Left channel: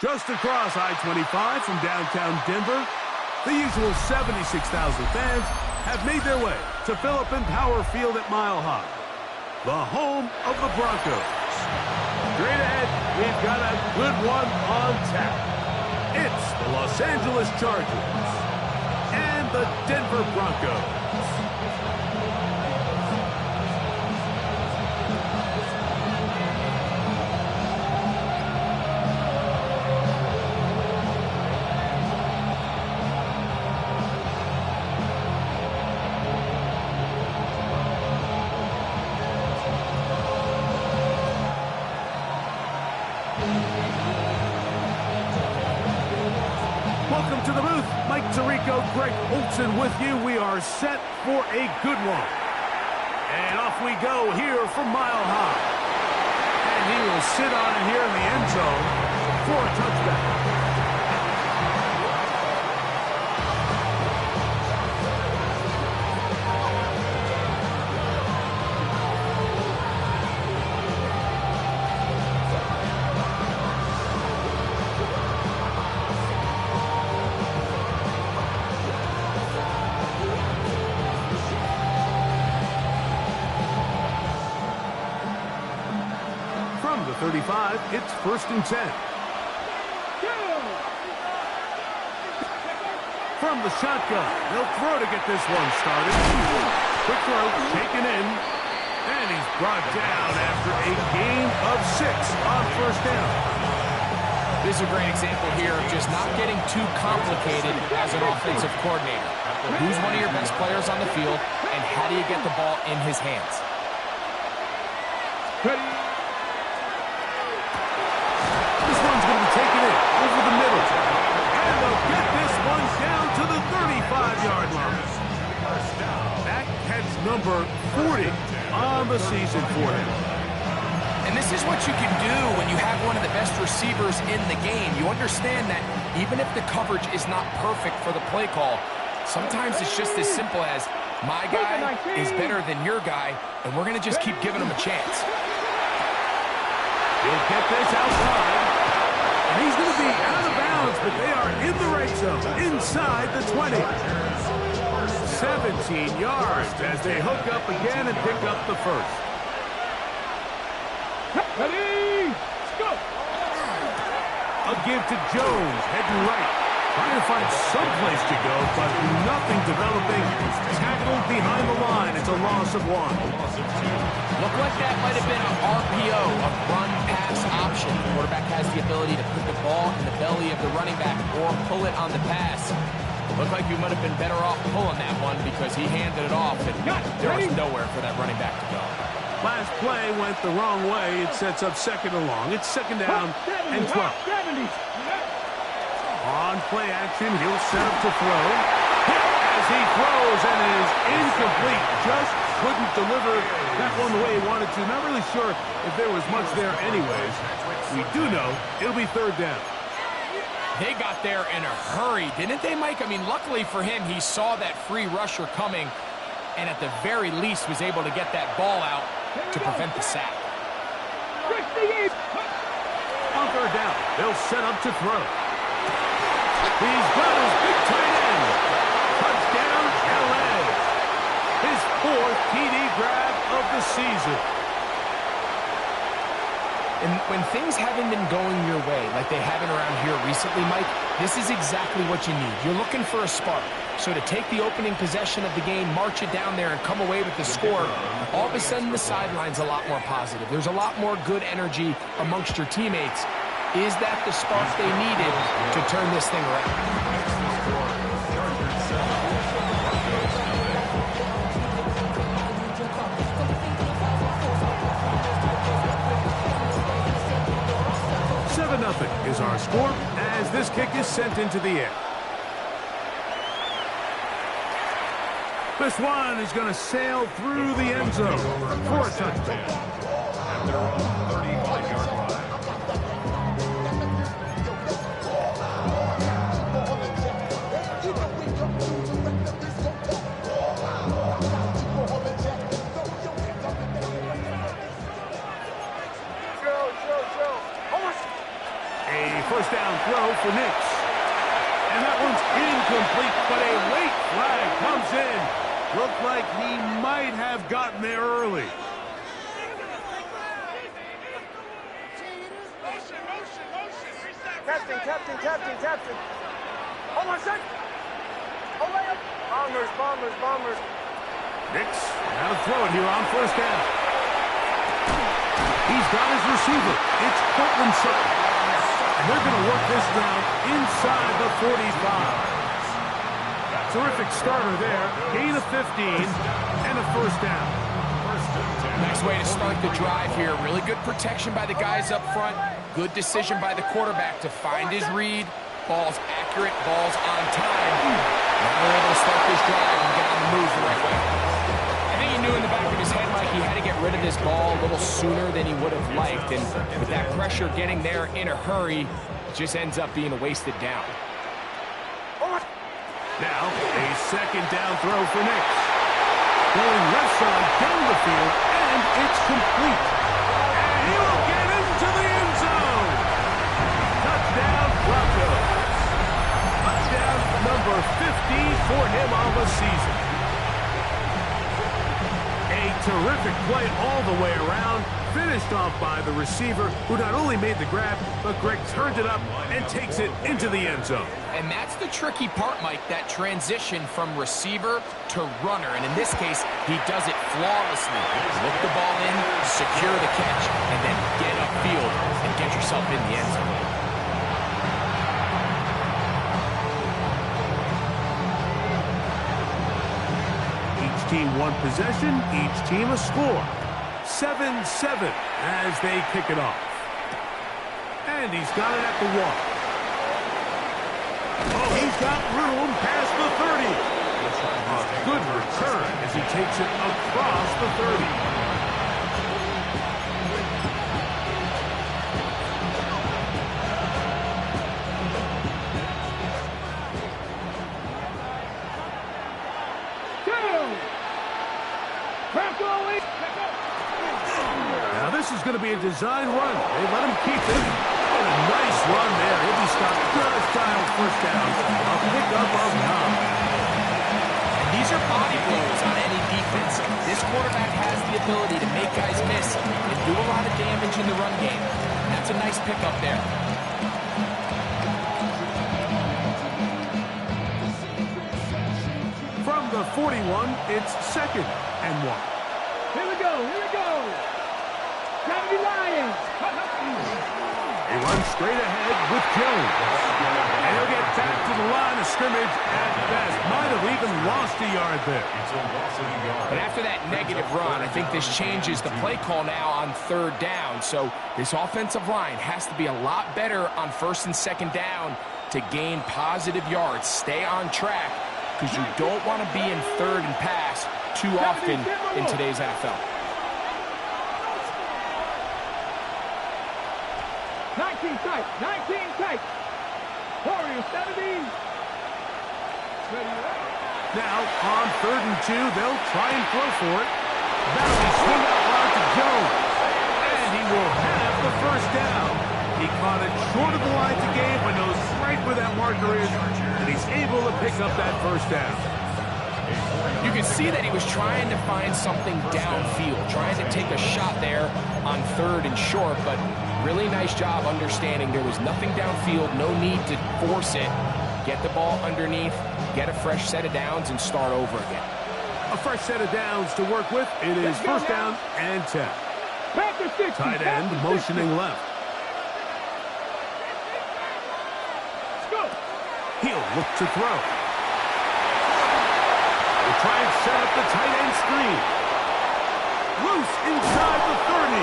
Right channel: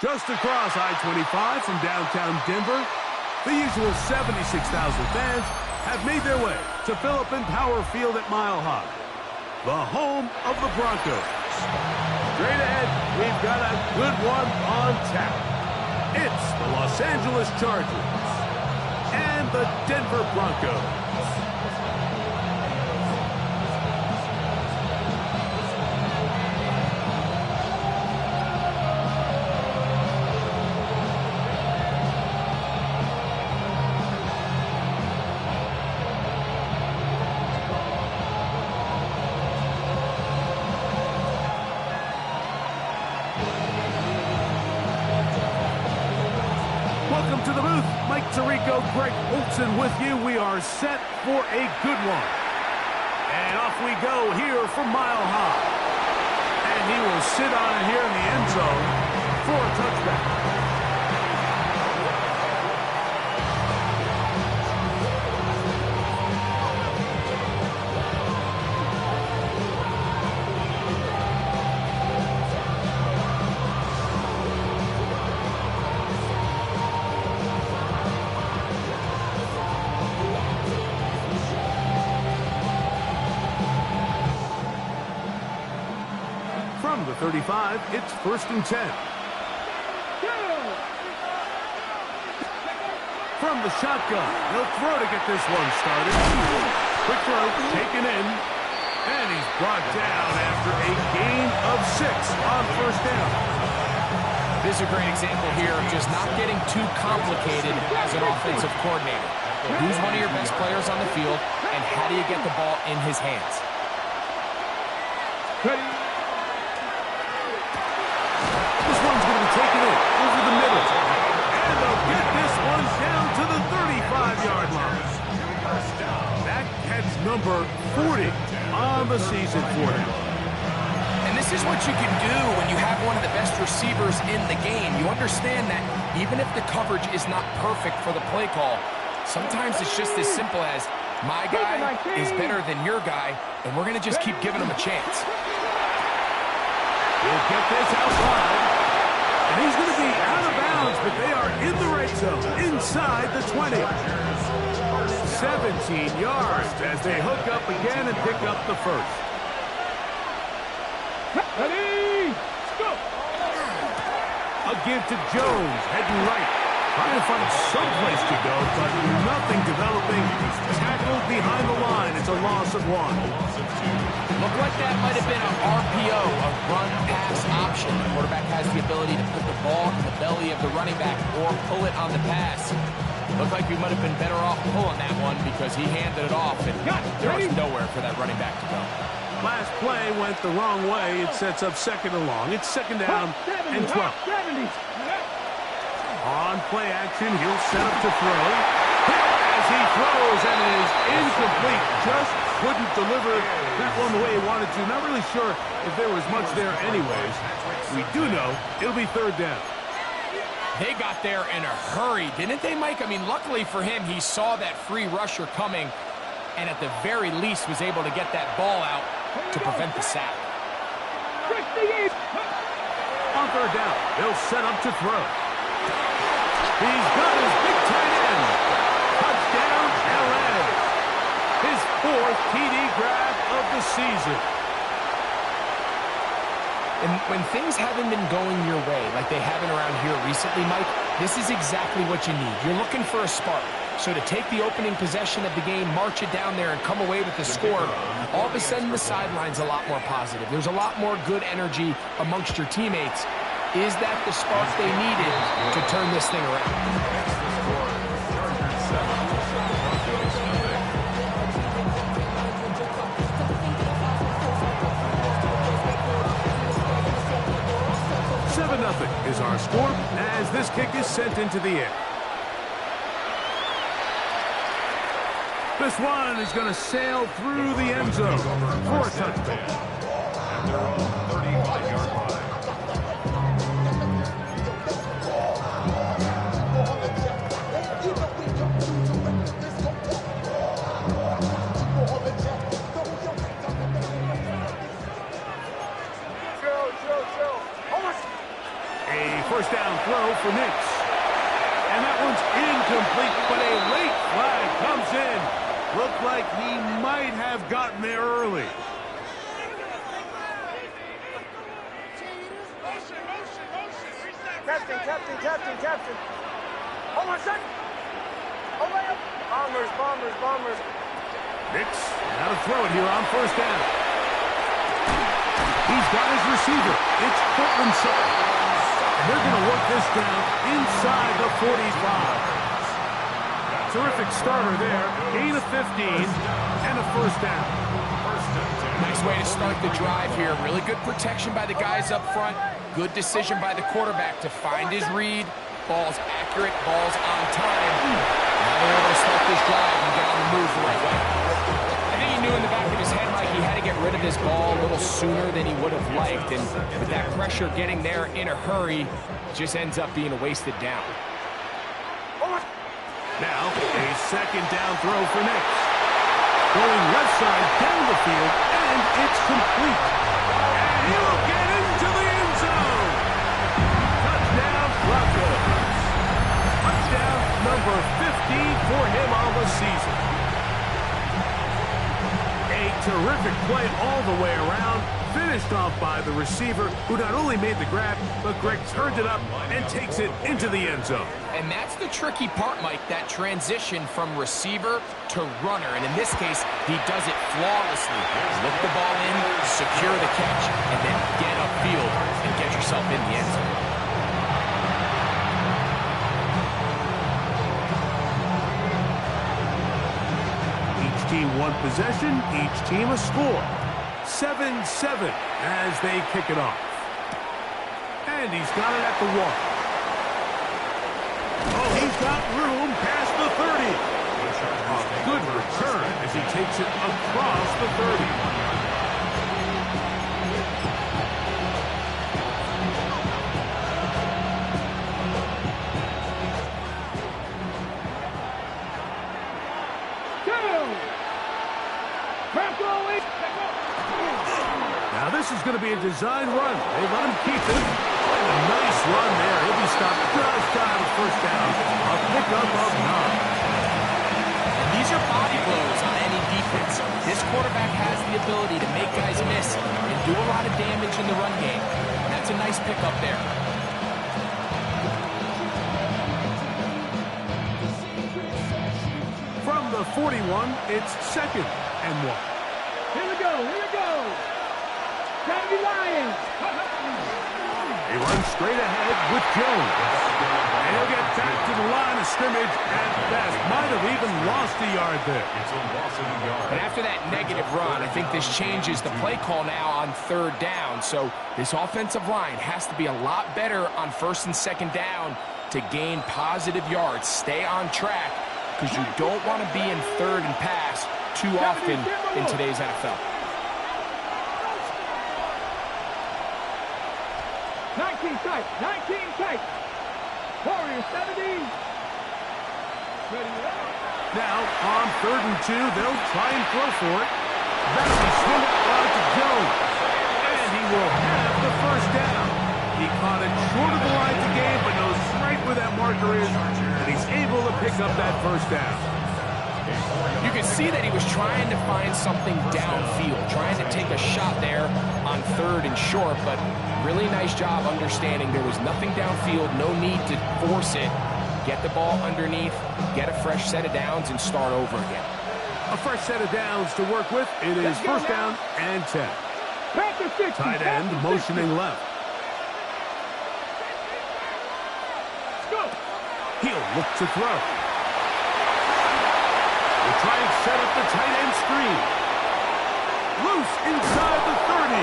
Just across I-25 from downtown Denver, the usual 76,000 fans have made their way to Phillips Power Field at Mile High, the home of the Broncos. Straight ahead, we've got a good one on tap. It's the Los Angeles Chargers and the Denver Broncos. Welcome to the booth. Mike Tirico, Greg Olson with you. We are set for a good one. And off we go here from Mile High. And he will sit on it here in the end zone for a touchback. From the 35, it's 1st and 10. From the shotgun, they'll throw to get this one started. Quick throw, taken in, and he's brought down after a gain of 6 on 1st down. This is a great example here of just not getting too complicated as an offensive coordinator. Who's one of your best players on the field, and how do you get the ball in his hands? Ready. This one's going to be taken in over the middle. And they'll get this one down to the 35-yard line. That catch number 40 on the season for him. And this is what you can do when you have one of the best receivers in the game. You understand that even if the coverage is not perfect for the play call, sometimes it's just as simple as, my guy is better than your guy, and we're going to just keep giving him a chance. He'll get this out wide. And he's going to be out of bounds, but they are in the red zone, inside the 20. 17 yards as they hook up again and pick up the first. Ready, let's go. A give to Jones, heading right. Trying to find some place to go, but nothing developing. Tackled behind the line. It's a loss of 1. Looked like that might have been an RPO, a run-pass option. The quarterback has the ability to put the ball in the belly of the running back or pull it on the pass. Looked like you might have been better off pulling that one because he handed it off, and there was nowhere for that running back to go. Last play went the wrong way. It sets up 2nd and long. It's 2nd down and 12. On play action, he'll set up to throw. Hit as he throws, and it is incomplete. Just couldn't deliver that one the way he wanted to. Not really sure if there was much there anyways. We do know it'll be 3rd down. They got there in a hurry, didn't they, Mike? I mean, luckily for him, he saw that free rusher coming, and at the very least was able to get that ball out to prevent the sack. On 3rd down, they'll set up to throw. He's got his big tight end. Touchdown, LA. His 4th TD grab of the season. And when things haven't been going your way, like they haven't around here recently, Mike, this is exactly what you need. You're looking for a spark. So to take the opening possession of the game, march it down there, and come away with the score, all of a sudden the sideline's a lot more positive. There's a lot more good energy amongst your teammates. Is that the spark they needed to turn this thing around? Seven 7-0 is our score as this kick is sent into the air. This one is going to sail through the end zone for a touchdown. At their own 35-yard line. A first down throw for Nix. And that one's incomplete, but a late flag comes in. Looked like he might have gotten there early. Captain. Hold on a sec. Hold on. Bombers. Nix, now to throw it here on first down. He's got his receiver. It's Cortland Sutton. And they're going to work this down inside the 45. Terrific starter there. Gain of 15 and a first down. Nice way to start the drive here. Really good protection by the guys up front. Good decision by the quarterback to find his read. Ball's accurate, ball's on time. Now they're able to start this drive and get on the move the right way. I think he knew in the back of his head, Mike, he had to get rid of this ball a little sooner than he would have liked. And with that pressure getting there in a hurry, it just ends up being a wasted down. Now, a second down throw for Nix. Going left side down the field, and it's complete. And he will get into the end zone. Touchdown, Broncos. Touchdown number 15 for him on the season. A terrific play all the way around. Finished off by the receiver, who not only made the grab, but Greg turned it up and takes it into the end zone. And that's the tricky part, Mike, that transition from receiver to runner. And in this case, he does it flawlessly. Look the ball in, secure the catch, and then get upfield and get yourself in the end zone. Each team one possession, each team a score. 7-7 as they kick it off. And he's got it at the 1. Oh, he's got room past the 30. A good return as he takes it across the 30. Now this is going to be a design run. They let him keep it. And a nice run there. He'll be stopped just shy of first down. A pickup of 9. And these are body blows on any defense. This quarterback has the ability to make guys miss and do a lot of damage in the run game. And that's a nice pickup there. From the 41, it's 2nd and 1. Here we go. Gravity Lions. He runs straight ahead with Jones. And he'll get back to the line of scrimmage at best. Might have even lost a yard there. But after that negative run, I think this changes the play call now on 3rd down. So this offensive line has to be a lot better on 1st and 2nd down to gain positive yards. Stay on track because you don't want to be in 3rd and pass too often in today's NFL. 19 tight. Warriors 70. Ready to go. Now, on 3rd and 2, they'll try and throw for it. That'll be swung out wide to Jones. And he will have the first down. He caught it short of the line to gain, but knows right where that marker is, and he's able to pick up that first down. You can see that he was trying to find something downfield, trying to take a shot there on 3rd and short, but really nice job understanding there was nothing downfield, no need to force it. Get the ball underneath, get a fresh set of downs, and start over again. A fresh set of downs to work with. It is first down and 10. Tight end motioning left. He'll look to throw. We'll try and set up the tight end screen. Loose inside the 30.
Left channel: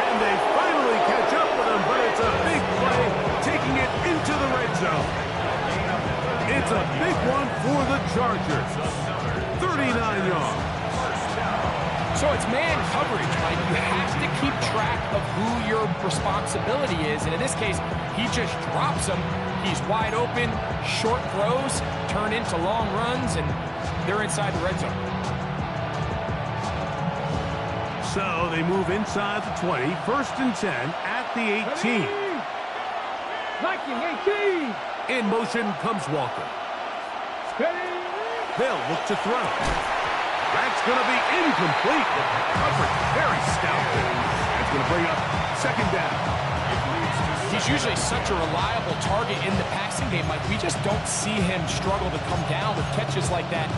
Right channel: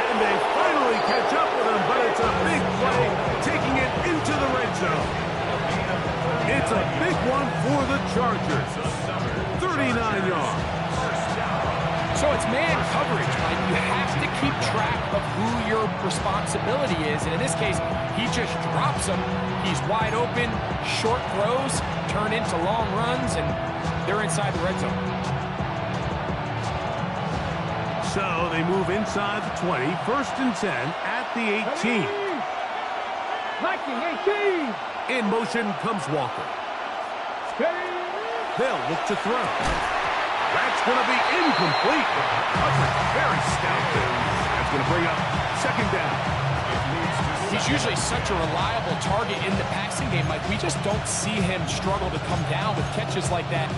And they finally catch up with him, but it's a big play, taking it into the red zone. It's a big one for the Chargers. 39 yards. So it's man coverage, Mike. You have to keep track of who your responsibility is. And in this case, he just drops him. He's wide open, short throws, turn into long runs, and they're inside the red zone. So they move inside the 20, 1st and 10 at the 18. 19-18. In motion comes Walker. Steady. They'll look to throw. That's going to be incomplete. Coverage very stout there. That's going to bring up second down. He's usually such a reliable target in the passing game. Like, we just don't see him struggle to come down with catches like that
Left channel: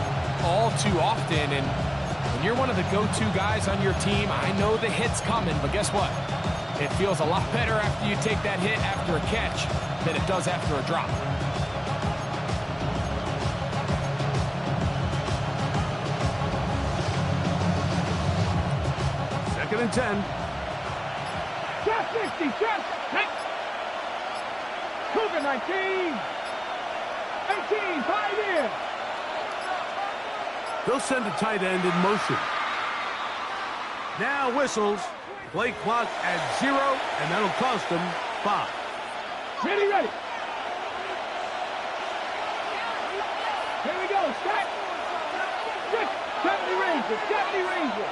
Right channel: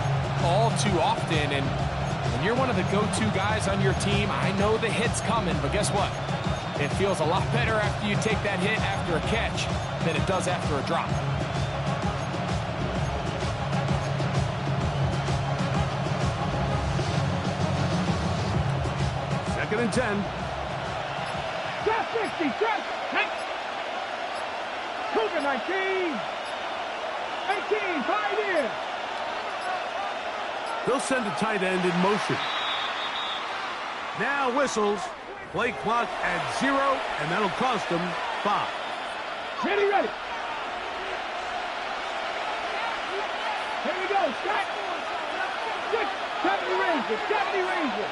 all too often. And when you're one of the go-to guys on your team, I know the hit's coming, but guess what? It feels a lot better after you take that hit after a catch than it does after a drop. Second and 10. Shot 60. Shot. Cougar 19. 18. 5 in. They'll send a tight end in motion. Now whistles. Play clock at 0, and that'll cost them 5. Ready, ready. Here we go. Start. 70 Rangers. 70 Rangers.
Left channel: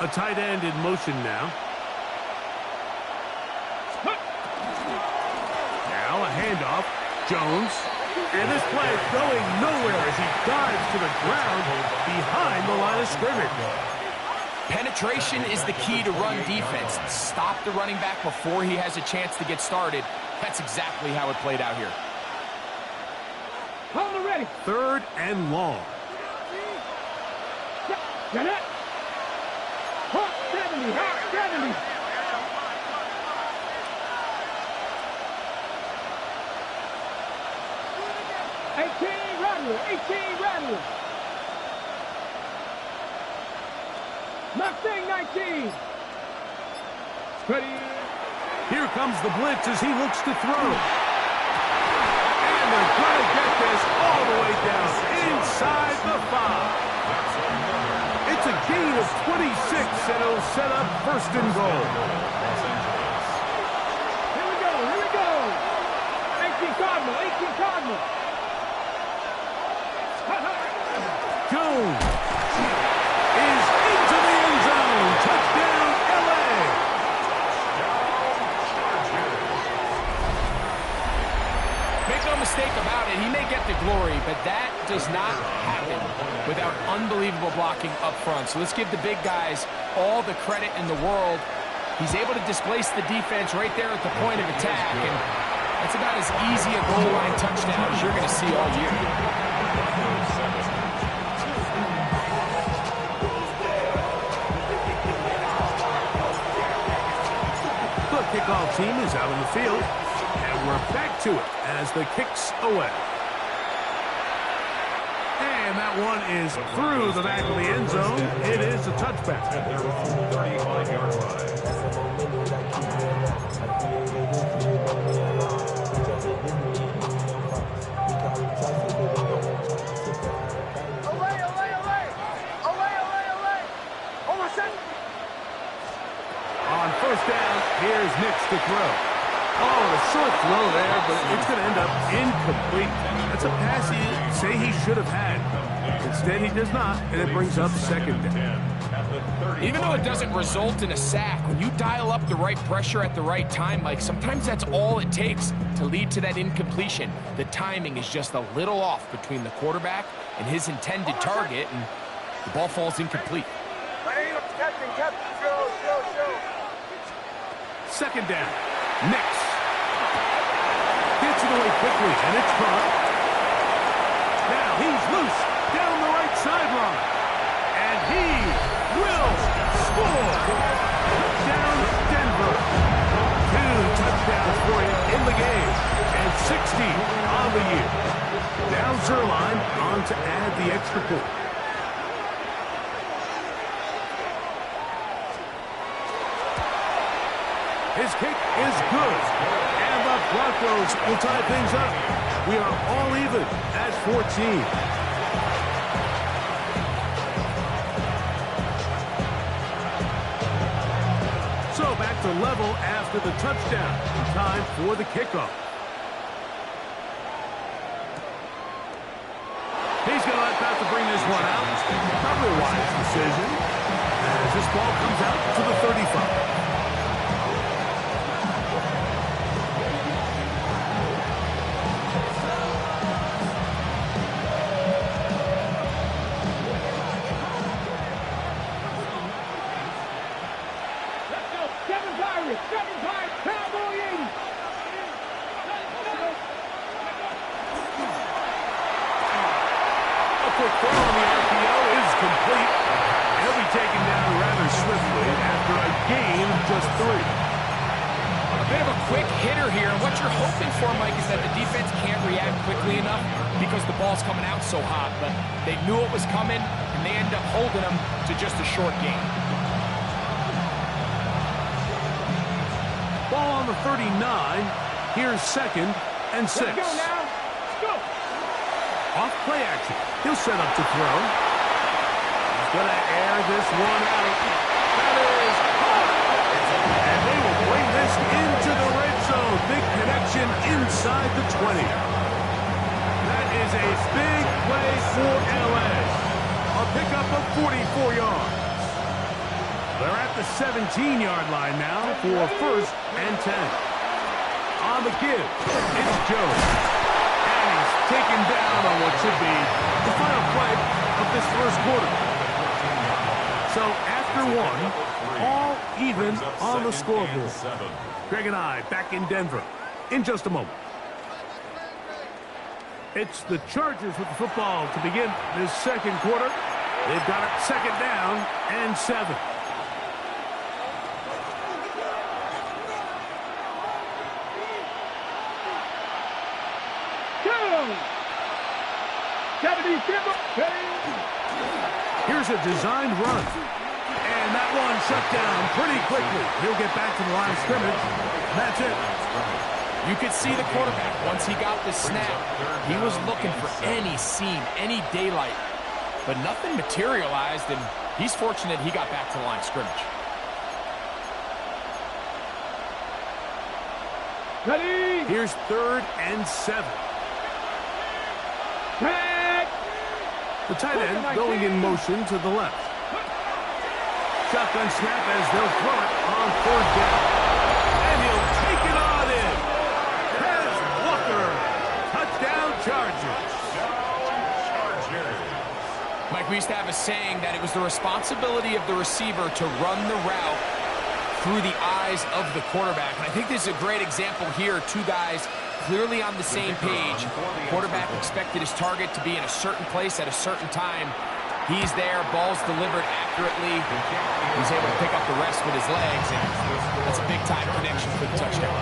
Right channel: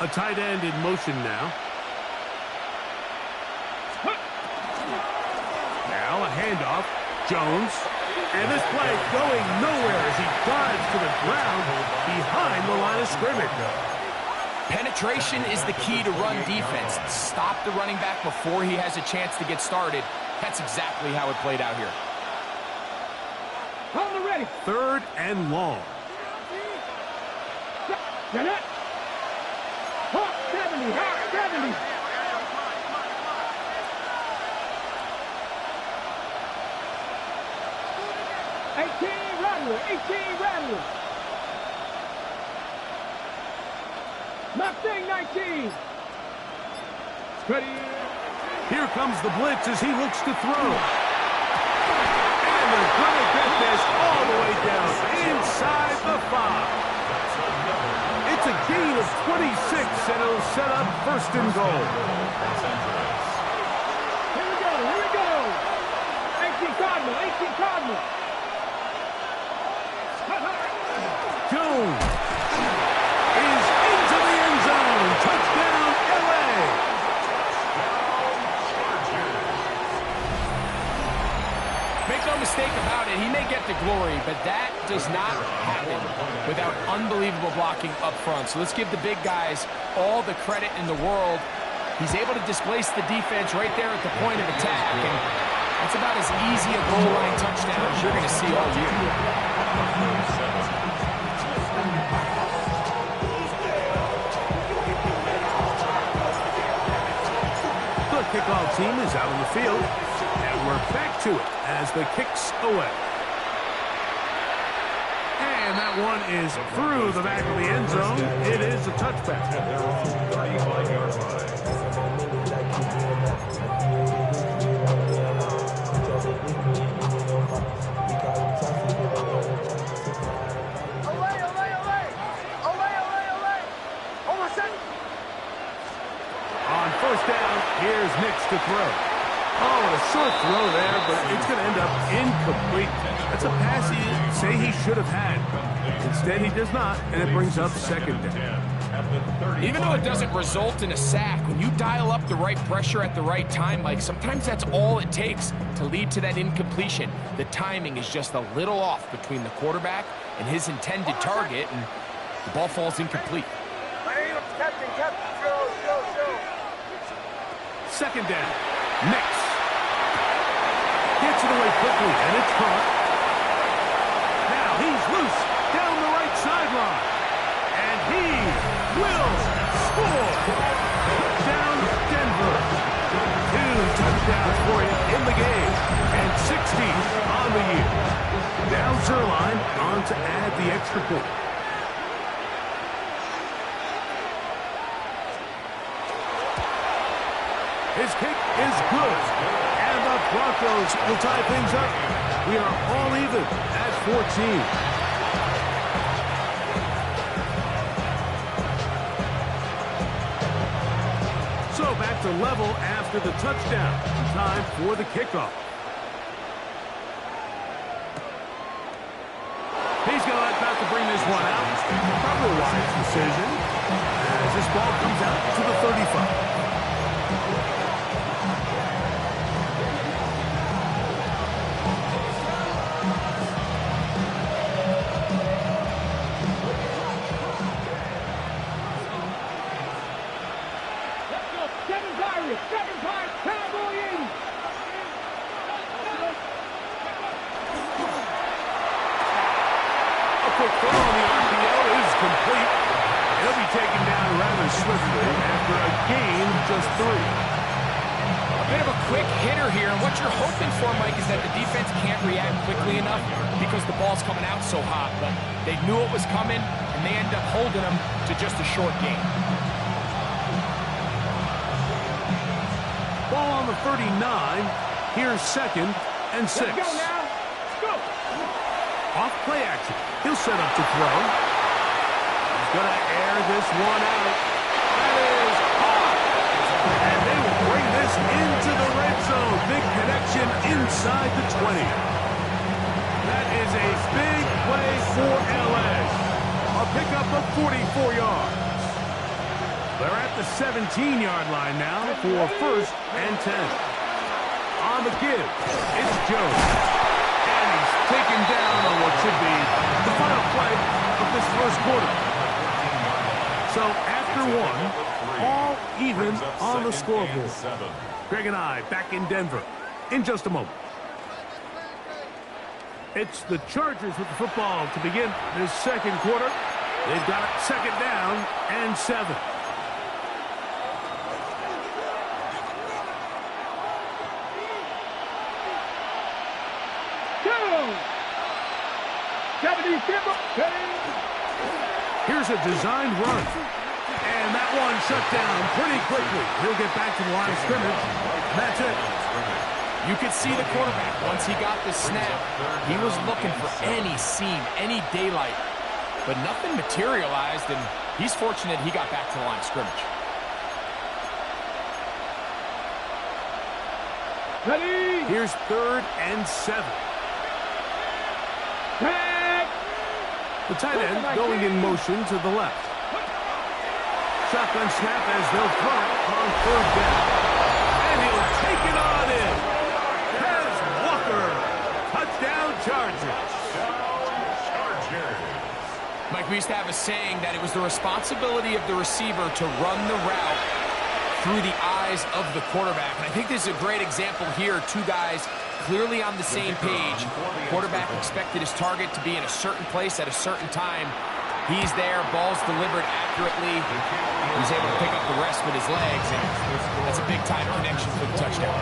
A tight end in motion now. Now a handoff. Jones. And this play going nowhere as he dives to the ground behind the line of scrimmage. Penetration is the key to run defense. Stop the running back before he has a chance to get started. That's exactly how it played out here. On the ready. Third and long. Get it. Hawk 70. Hawk 70. Rattler. 18 Rattler. Mustang 19. Steady. Here comes the blitz as he looks to throw. And they're going to get this all the way down inside the 5. It's a gain of 26, and it'll set up first and goal. Here we go. Here we go. 18 Cardinal. 18 Cardinal. Jones is into the end zone. Touchdown, L.A. Make no mistake about it, he may get the glory, but that does not happen without unbelievable blocking up front. So let's give the big guys all the credit in the world. He's able to displace the defense right there at the point of attack, and that's about as easy a goal line touchdown as you're going to see all year. The kickoff team is out on the field, and we're back to it as the kick's away. And that one is through the back of the end zone. It is a touchback. At their own 35-yard line. On first down, here's Nix to throw. Oh, a short throw there, but it's going to end up incomplete. That's a pass he say he should have had. Instead, he does not, and it brings up second down. Even though it doesn't result in a sack, when you dial up the right pressure at the right time, like sometimes that's all it takes to lead to that incompletion. The timing is just a little off between the quarterback and his intended target, and the ball falls incomplete. Second down. Nix gets it away quickly, and it's caught. Now he's loose down the right sideline, and he will score. Touchdown, Denver. 2 touchdowns for him in the game, and 60 on the year. Now Zerline on to add the extra point. His kick is good, and the Broncos will tie things up. We are all even at 14. So back to level after the touchdown. Time for the kickoff. He's going to about to bring this one out. Probably a wise decision as this ball comes out to the 35. swiftly after a gain of just 3. A bit of a quick hitter here, and what you're hoping for, Mike, is that the defense can't react quickly enough because the ball's coming out so hot, but they knew it was coming, and they end up holding them to just a short gain. Ball on the 39. Here's 2nd and 6. Let's go now. Let's go. Off play action. He'll set up to throw. He's going to air this one out. That is hot. And they will bring this into the red zone. Big connection inside the 20. That is a big play for LA. A pickup of 44 yards. They're at the 17-yard line now for 1st and 10. On the give, it's Jones. And he's taken down on what should be the final play of this first quarter. So after one, all even on the scoreboard. Greg and I back in Denver in just a moment. It's the Chargers with the football to begin this second quarter. They've got it 2nd down and 7. Here's a designed run. And that one shut down pretty quickly. He'll get back to the line of scrimmage. And that's it. You could see the quarterback, once he got the snap, he was looking for any seam, any daylight. But nothing materialized, and he's fortunate he got back to the line of scrimmage. Ready. Here's 3rd and 7. The tight end going in motion to the left. Shotgun snap as they'll throw it on 3rd down. And he'll take it on in. Has Walker. Touchdown Chargers. Mike, we used to have a saying that it was the responsibility of the receiver to run the route through the eyes of the quarterback. And I think this is a great example here. Two guys clearly on the same page. Quarterback expected his target to be in a certain place at a certain time. He's there, ball's delivered accurately. He's able to pick up the rest with his legs, and that's a big-time connection for the touchdown.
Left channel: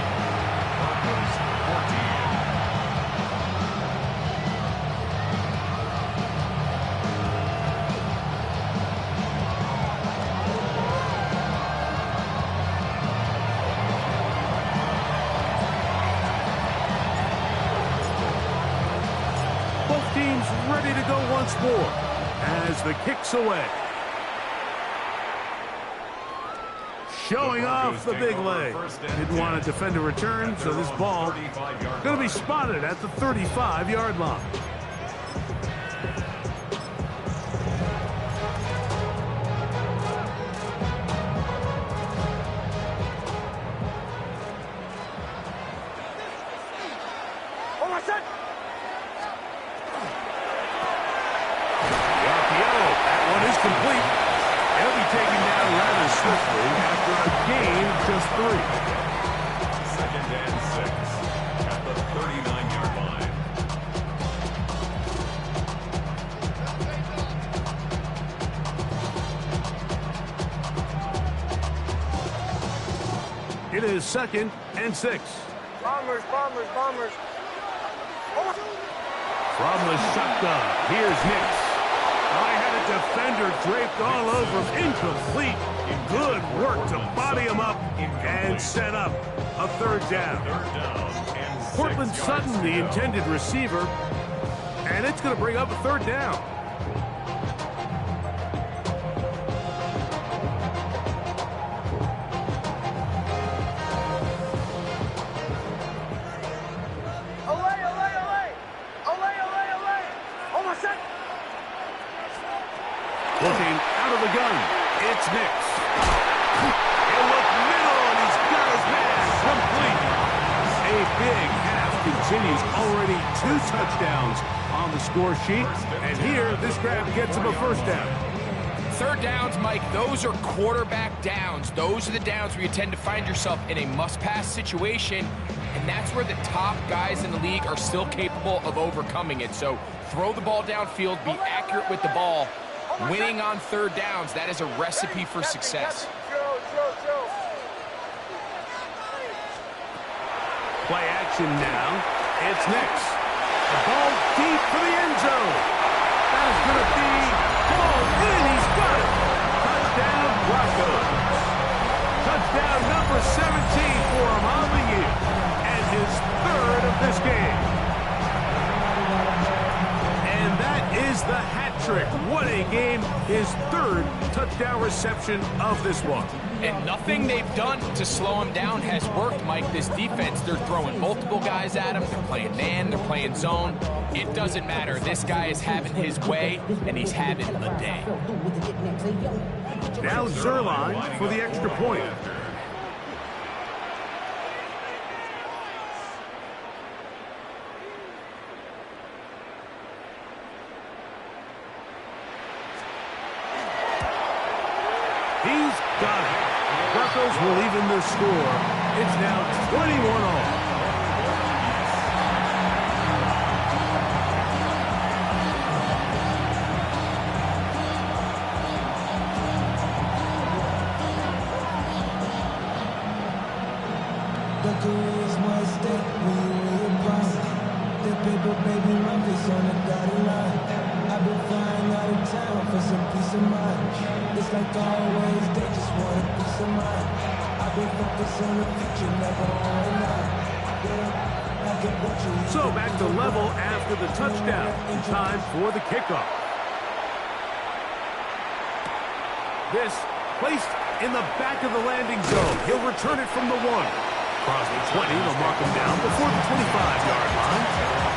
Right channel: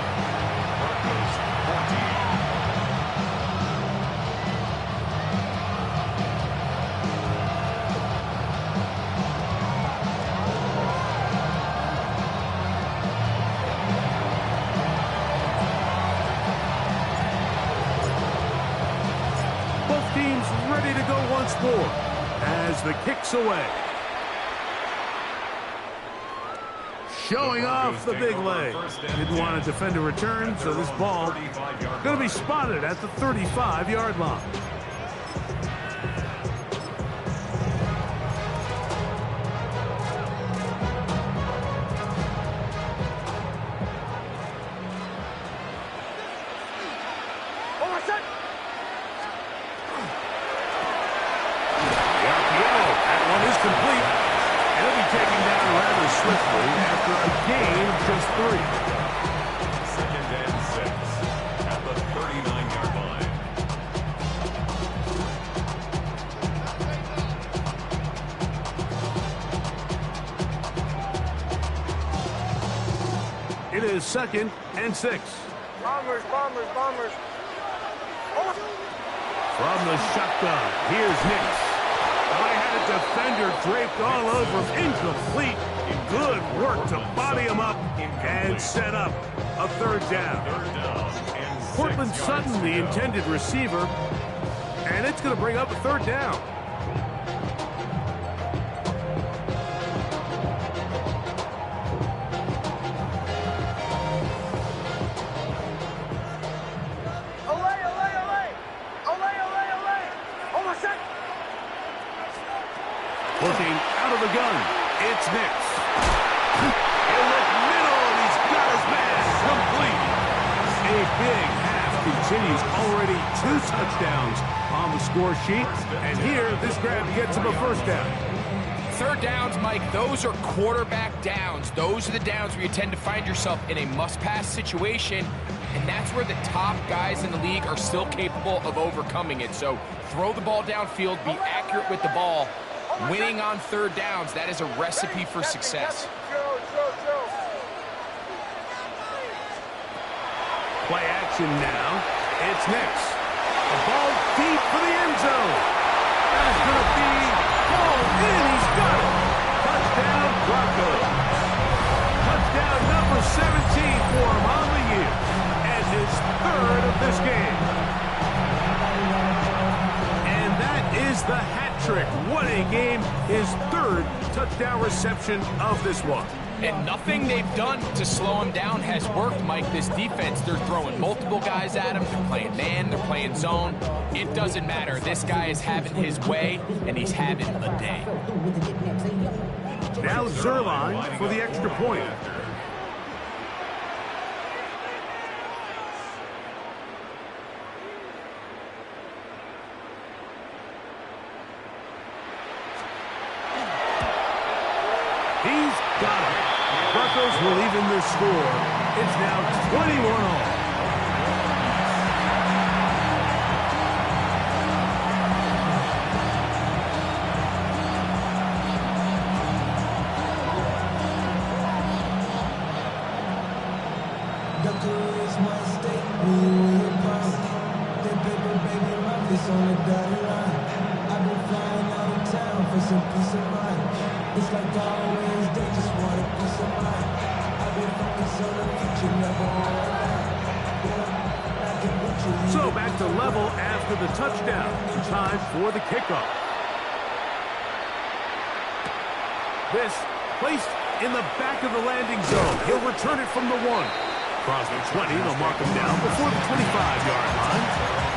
Both teams ready to go once more as the kick's away. Showing off the big leg. Didn't want to defend a return, so this ball going to be spotted at the 35-yard line. Complete. He'll be taken down rather swiftly after a gain of just 3. 2nd and 6 at the 39-yard line. It is 2nd and 6. Bombers. From the shotgun, here's Nix. I had a defender draped all over him. Incomplete. Good work to body him up and set up a 3rd down. Cortland Sutton, the intended receiver, and it's going to bring up a 3rd down. Looking out of the gun, it's Nix. He'll look middle, and he's got his man complete. A big half continues. Already 2 touchdowns on the score sheet. And here, this grab gets him a 1st down. 3rd downs, Mike, those are quarterback downs. Those are the downs where you tend to find yourself in a must-pass situation, and that's where the top guys in the league are still capable of overcoming it. So throw the ball downfield, be accurate with the ball, Winning on third downs, that is a recipe for success. Play action now. It's Nix. The ball deep for the end zone. That is going to be hauled in. He's got it. Touchdown, Broncos. Touchdown number 17 for him on the year. And his third of this game. And that is the hat trick. What a game. His third touchdown reception of this one. And nothing they've done to slow him down has worked, Mike. This defense, they're throwing multiple guys at him. They're playing man, they're playing zone. It doesn't matter. This guy is having his way, and he's having the day. Now Zerline for the extra point. He's got it. Broncos will even the score. It's now 21 all. The career's more at stake when you win your prime. That paper, baby, my face on the dotted line. I've been flying out of town for some peace of mind. It's like always, they just want a piece of mind. I've been focused on the future, never on right now. So back to level after the touchdown. Time for the kickoff. This placed in the back of the landing zone. He'll return it from the 1. Across the 20, they'll mark him down before the 25-yard line.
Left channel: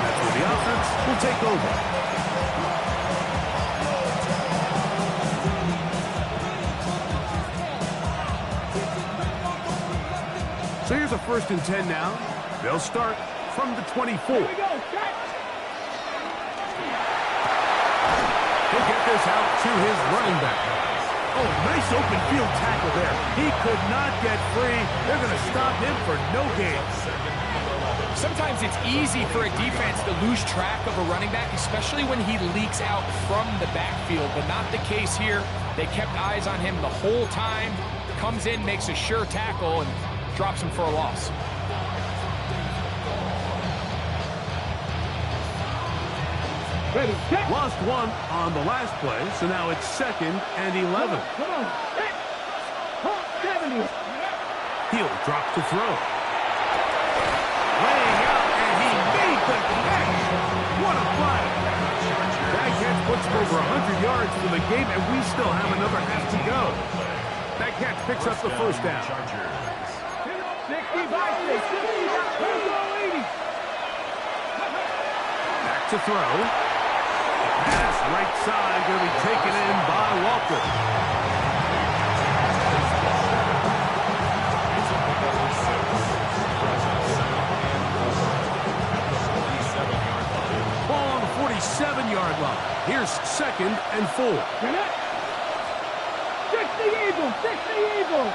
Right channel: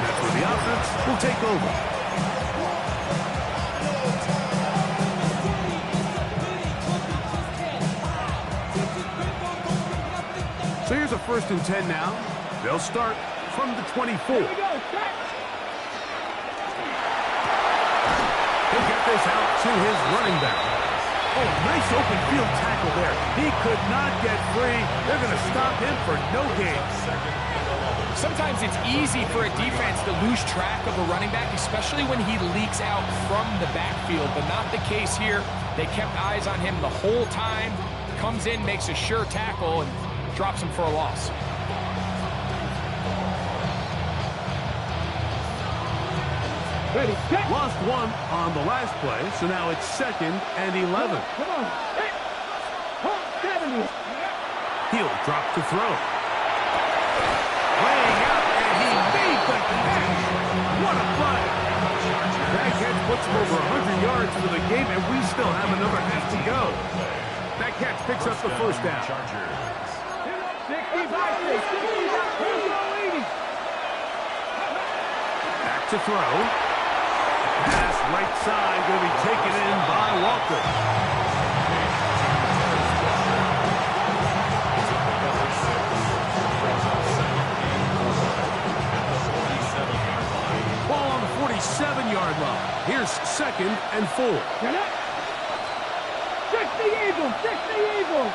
That's where the offense will take over. So here's a 1st and 10 now. They'll start from the 24. Here we go, set. He'll get this out to his running back. Oh, nice open field tackle there. He could not get free. They're going to stop him for no gain. Sometimes it's easy for a defense to lose track of a running back, especially when he leaks out from the backfield, but not the case here. They kept eyes on him the whole time. Comes in, makes a sure tackle, and drops him for a loss. Ready, set. Lost one on the last play, so now it's 2nd and 11. Come on, set. Hold 70. He'll drop to throw. Laying out, and he made the catch. What a play. That catch puts him over 100 yards for the game, and we still have another half to go. That catch picks up the 1st down. 65, 80. Back to throw. Pass right side, going to be taken in by Walker. Ball on the 47-yard line. Here's 2nd and 4. 60 Eagles, 60 Eagles.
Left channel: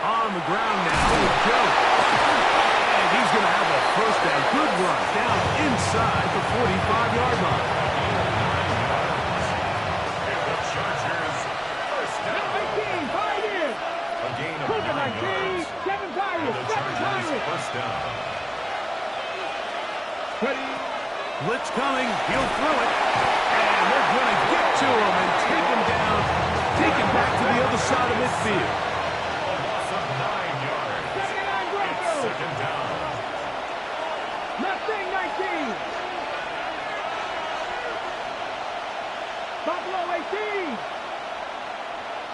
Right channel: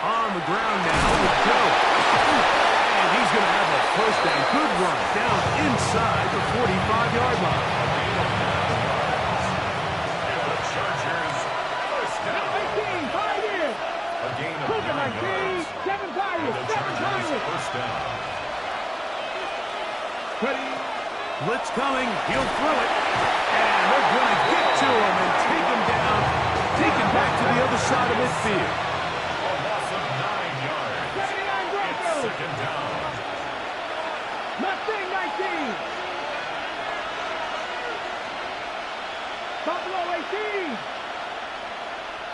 On the ground now with Joe. And he's going to have a 1st down. Good run down inside the 45-yard line. And the Chargers, 1st down. 19, 5 years. A gain of 9 yards. 7 Pirates, And the 7 Chargers, Pirates. 1st down. Ready. Blitz coming. He'll throw it. And they're going to get to him and take him down. Take him back to the other side of midfield. A loss of 9 yards. 79 Broncos. It's 2nd down. Mustang 19. Buffalo 18.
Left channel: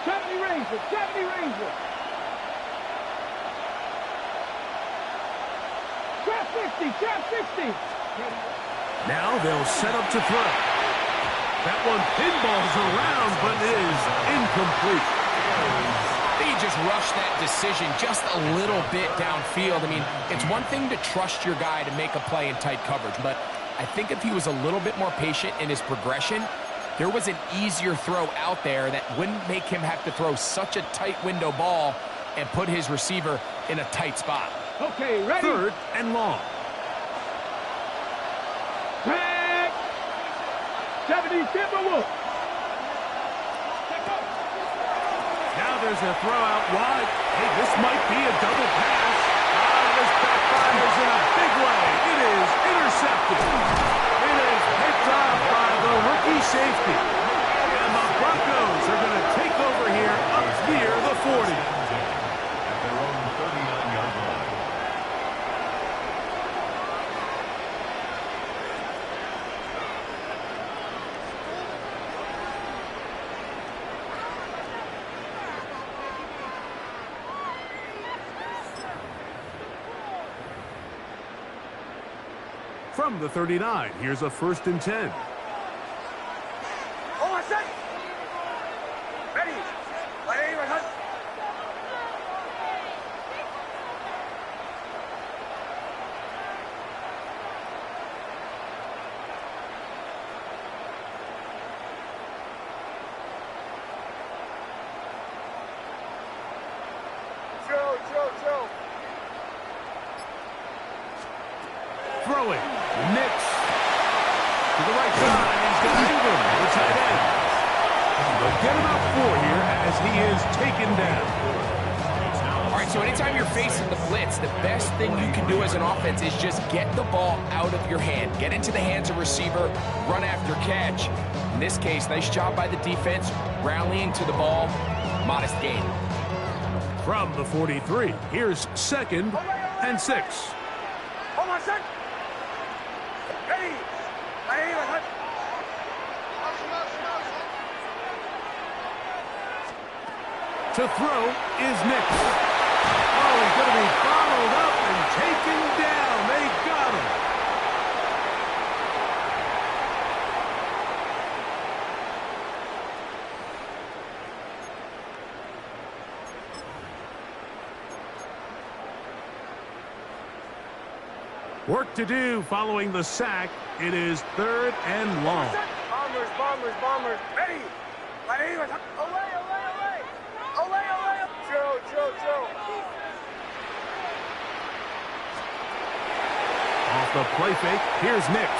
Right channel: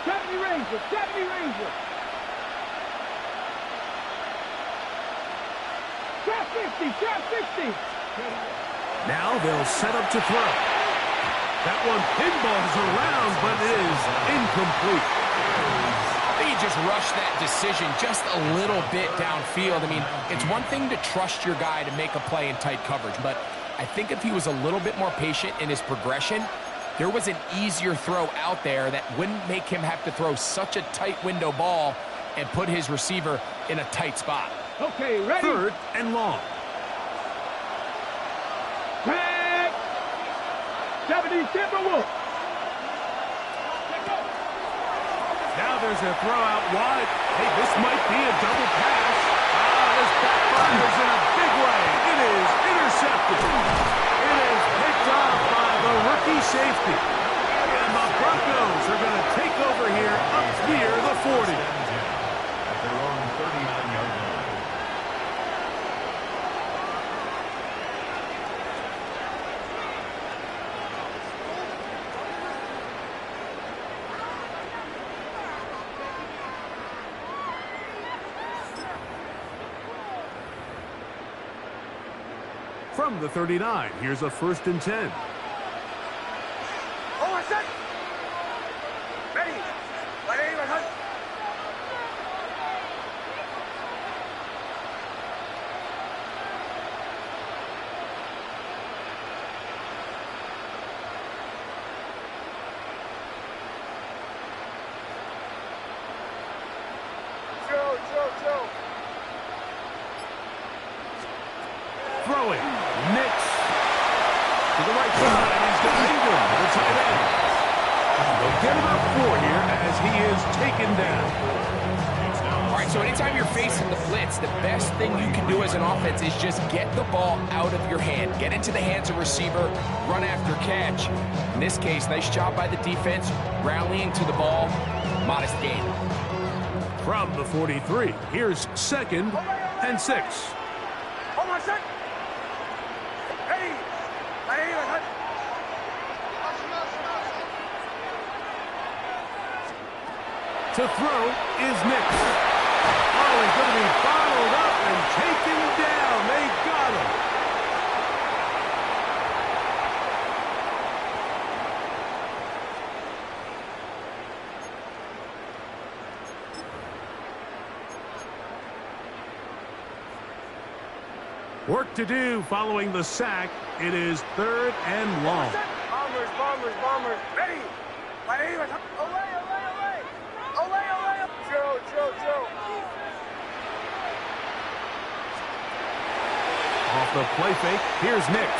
70 Rangers, 70 Rangers. Trap 60, trap 60. Now they'll set up to throw. That one pinballs around, but is incomplete. They just rushed that decision just a little bit downfield. I mean, it's one thing to trust your guy to make a play in tight coverage, but I think if he was a little bit more patient in his progression, there was an easier throw out there that wouldn't make him have to throw such a tight window ball and put his receiver in a tight spot. Okay, ready? 3rd and long. Tag! 70 Timberwolves. Now there's a throw out wide. Hey, this might be a double pass. This backfires in a big way. It is intercepted. It is picked up by the rookie safety. And the Broncos are going to take over here up near the 40. At their own 39-yard line. From the 39, here's a 1st and 10. Oh, I said. Ready? Joe. Throwing. Nix. To the right side, he's got Ingram, the tight end. They'll get about 4 here as he is taken down. All right, so anytime you're facing the blitz, the best thing you can do as an offense is just get the ball out of your hand. Get into the hands of receiver, run after catch. In this case, nice job by the defense, rallying to the ball. Modest gain. From the 43, here's 2nd and 6. Hold on, set. Ready? To throw is Nix. Oh, he's going to be bottled up and taken down. They got him. Work to do following the sack. It is 3rd and long. Bombers. Ready? Olay. Joe. Off the play fake, here's Nix.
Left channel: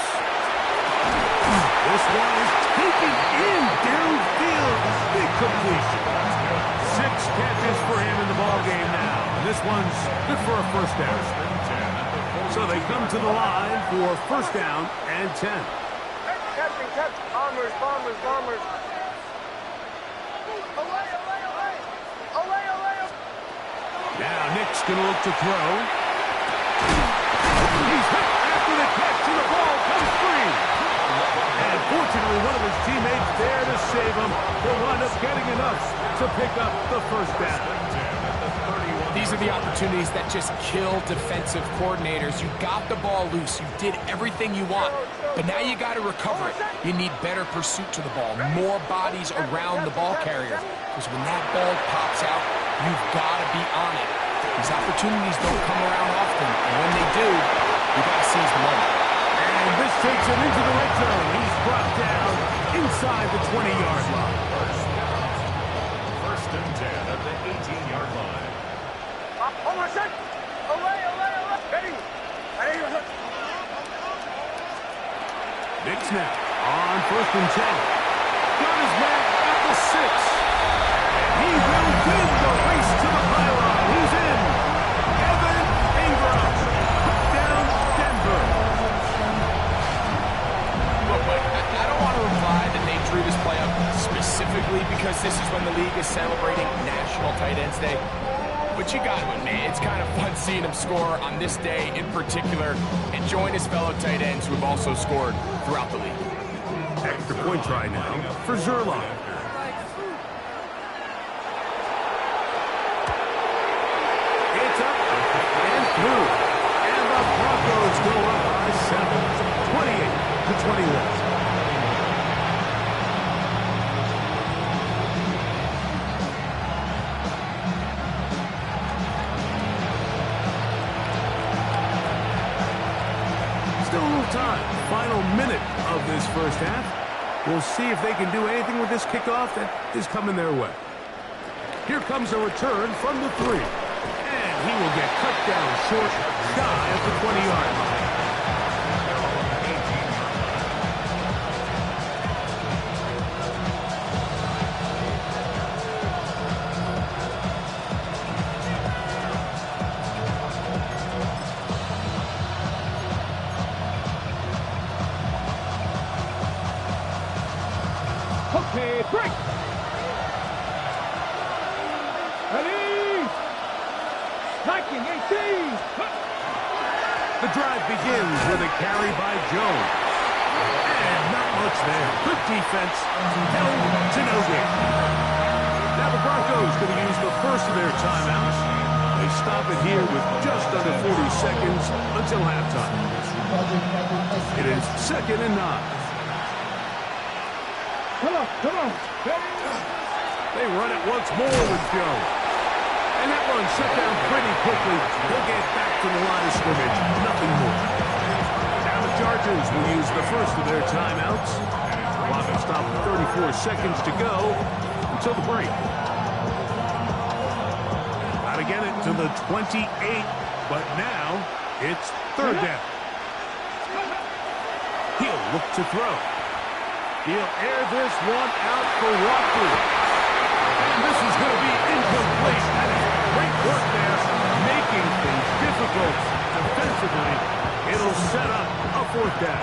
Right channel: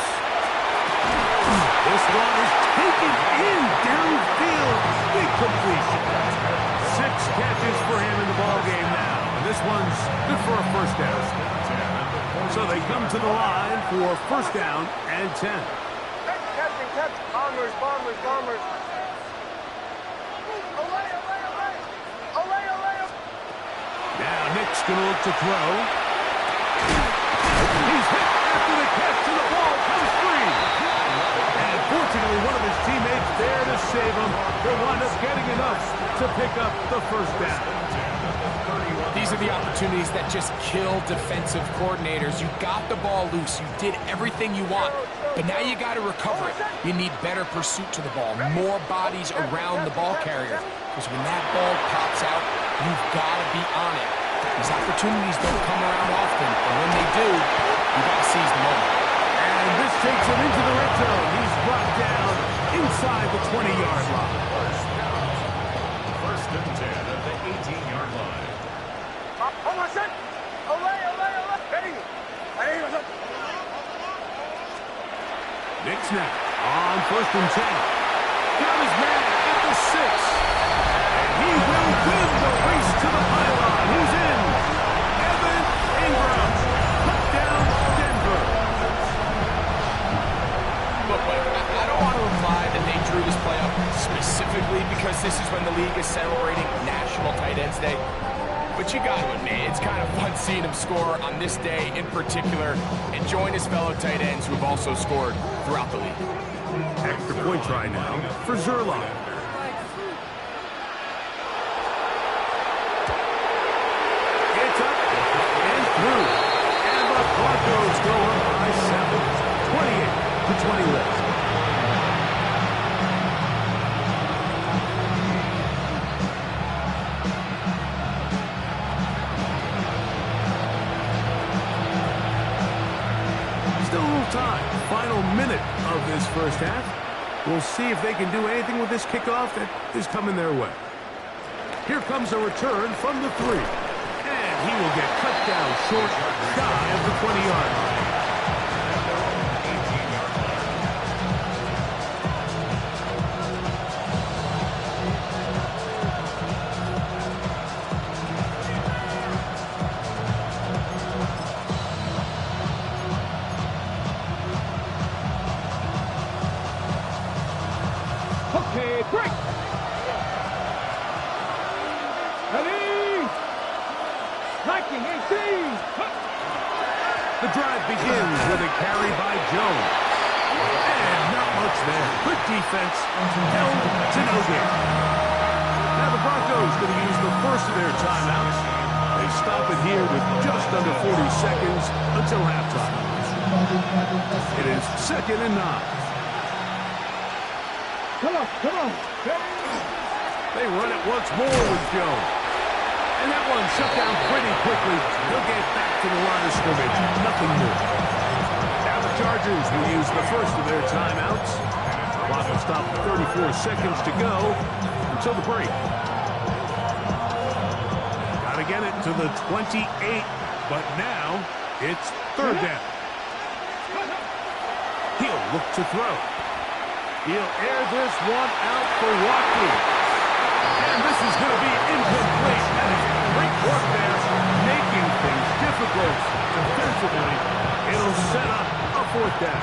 This one is taken in downfield. Big completion. 6 catches for him in the ball game now. And this one's good for a 1st down. So they come to the line for 1st down and 10. Catch. Bombers. Olay. Now Nick's going to look to throw. He's hit after the catch, and the ball comes free. And fortunately, one of his teammates there to save him. He'll wind up getting enough to pick up the 1st down. These are the opportunities that just kill defensive coordinators. You got the ball loose. You did everything you want. But now you got to recover it. You need better pursuit to the ball, more bodies around the ball carrier. Because when that ball pops out, you've got to be on it. These opportunities don't come around often, and when they do, you got to seize the moment. And this takes him into the red zone. He's brought down inside the 20-yard line. 1st and 10 at the 18-yard line. Hold on, set. Olay. Ready? Nick snap on 1st and 10. Got his man at the 6. And he will win the race to the pylon. He's in. Evan Ingram. Put down Denver. Look, Mike, I don't want to imply that they drew this play up specifically because this is when the league is celebrating National Tight Ends Day. But you got to admit, it's kind of fun seeing him score on this day in particular and join his fellow tight ends who have also scored throughout the league. Extra point try now for Zerline. It's up and through. And the Broncos go up by 7, 28-21. Still a little time. Final minute of this 1st half. We'll see if they can do anything with this kickoff that is coming their way. Here comes a return from the 3. And he will get cut down short, shy of the 20-yard line. Okay, break. Ready. Liking 18. The drive begins with a carry by Jones. And not much there. Good defense. Held to no gain. Now the Broncos going to use the first of their timeouts. They stop it here with just under 40 seconds until halftime. It is 2nd and 9. Come on, come on. They run it once more with Jones. And that one shut down pretty quickly. He'll get back to the line of scrimmage. Nothing more. Now the Chargers will use the first of their timeouts. Clock will stop at 34 seconds to go until the break. Got to get it to the 28, but now it's 3rd down. He'll look to throw. He'll air this one out for Watkins. And this is going to be incomplete. That is great work there, making things difficult defensively. It'll set up a 4th down.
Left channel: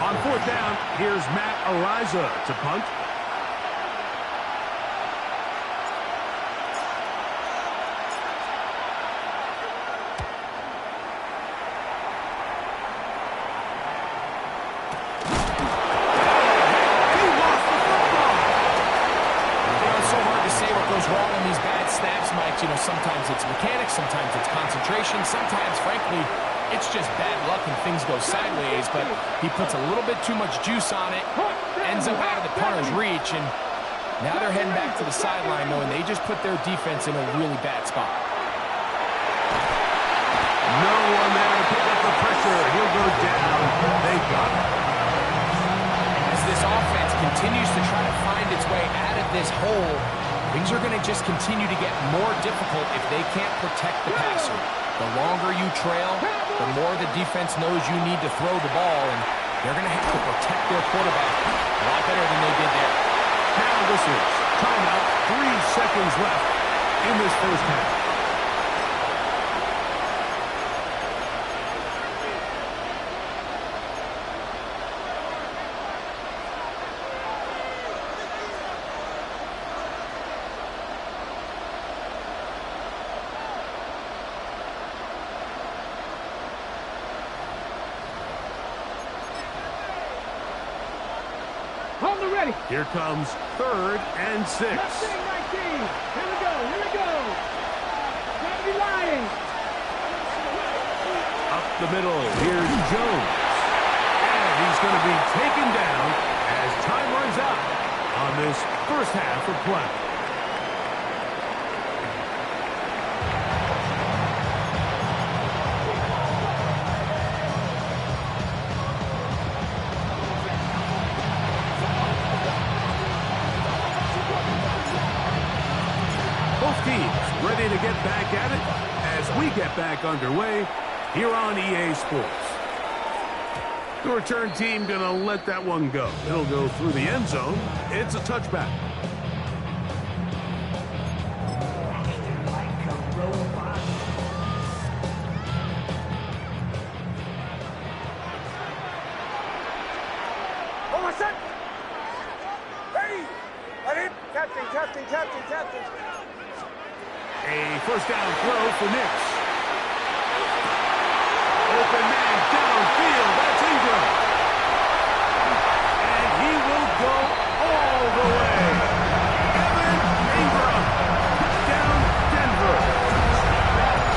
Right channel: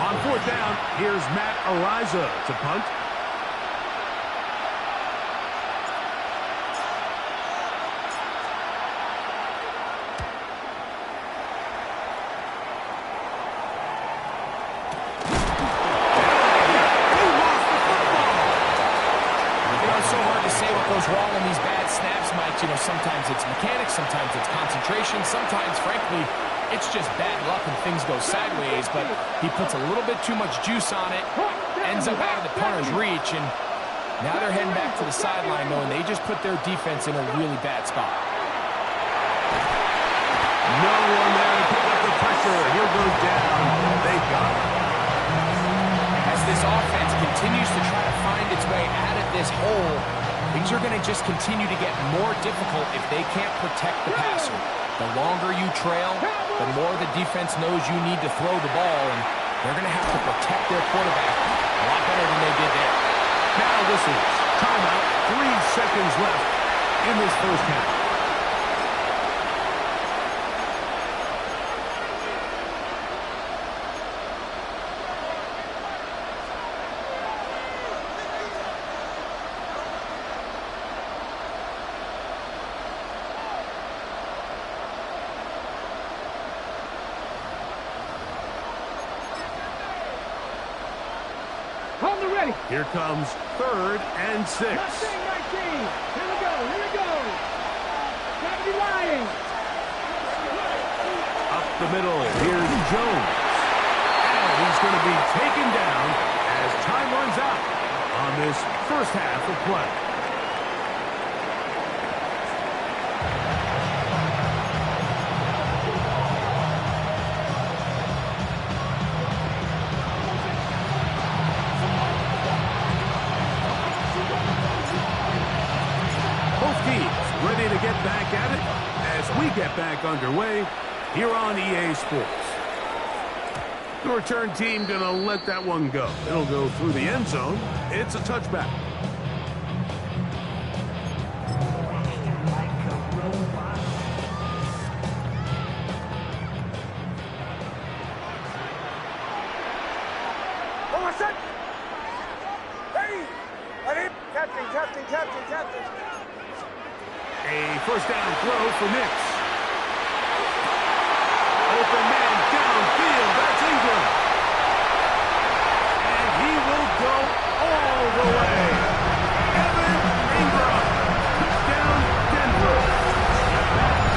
On 4th down, here's Matt Ariza to punt. Goes wrong in these bad snaps, Mike. You know, sometimes it's mechanics, sometimes it's concentration, sometimes, frankly, it's just bad luck and things go sideways, but he puts a little bit too much juice on it, ends up out of the punter's reach, and now they're heading back to the sideline knowing they just put their defense in a really bad spot. No one there to pick up the pressure. He'll go down. They got him. As this offense continues to try to find its way out of this hole, things are going to just continue to get more difficult if they can't protect the passer. The longer you trail, the more the defense knows you need to throw the ball, and they're going to have to protect their quarterback a lot better than they did there. Now whistles. Timeout. 3 seconds left in this first half. On the ready. Here comes 3rd and 6. Nothing 19. Here we go. Here we go. Gotta be lying. Up the middle. Here's Jones. And he's going to be taken down as time runs out on this first half of play. Both teams ready to get back at it as we get back underway here on EA Sports. The return team going to let that one go. It'll go through the end zone. It's a touchback. A first down throw for Nix. Open man downfield. That's Ingram. And he will go all the way. Evan Ingram. Down Denver.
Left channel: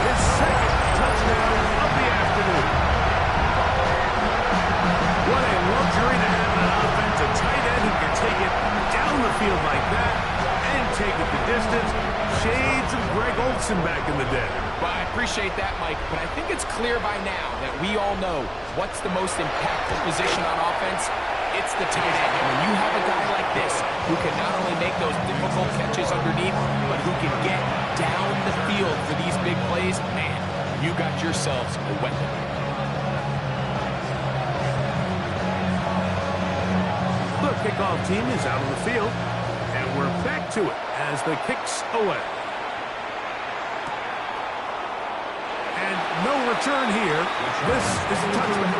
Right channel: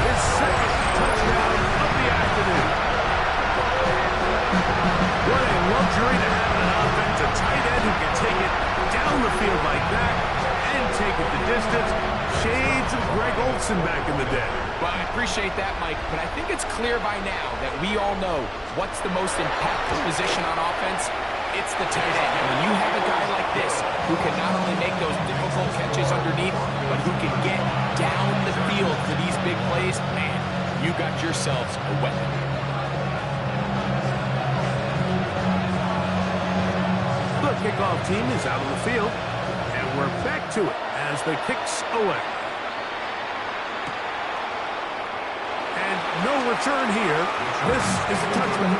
His 2nd touchdown of the afternoon. What a luxury to have an offense, a tight end who can take it down the field like that and take it the distance. Shades of Greg Olsen back in the day. Well, I appreciate that, Mike, but I think it's clear by now that we all know what's the most impactful position on offense. It's the tight end. And when you have a guy like this who can not only make those difficult catches underneath, but who can get down the field for these big plays, man, you got yourselves a weapon. The kickoff team is out on the field, and we're back to it as the kick's away. And no return here. This is a touchdown.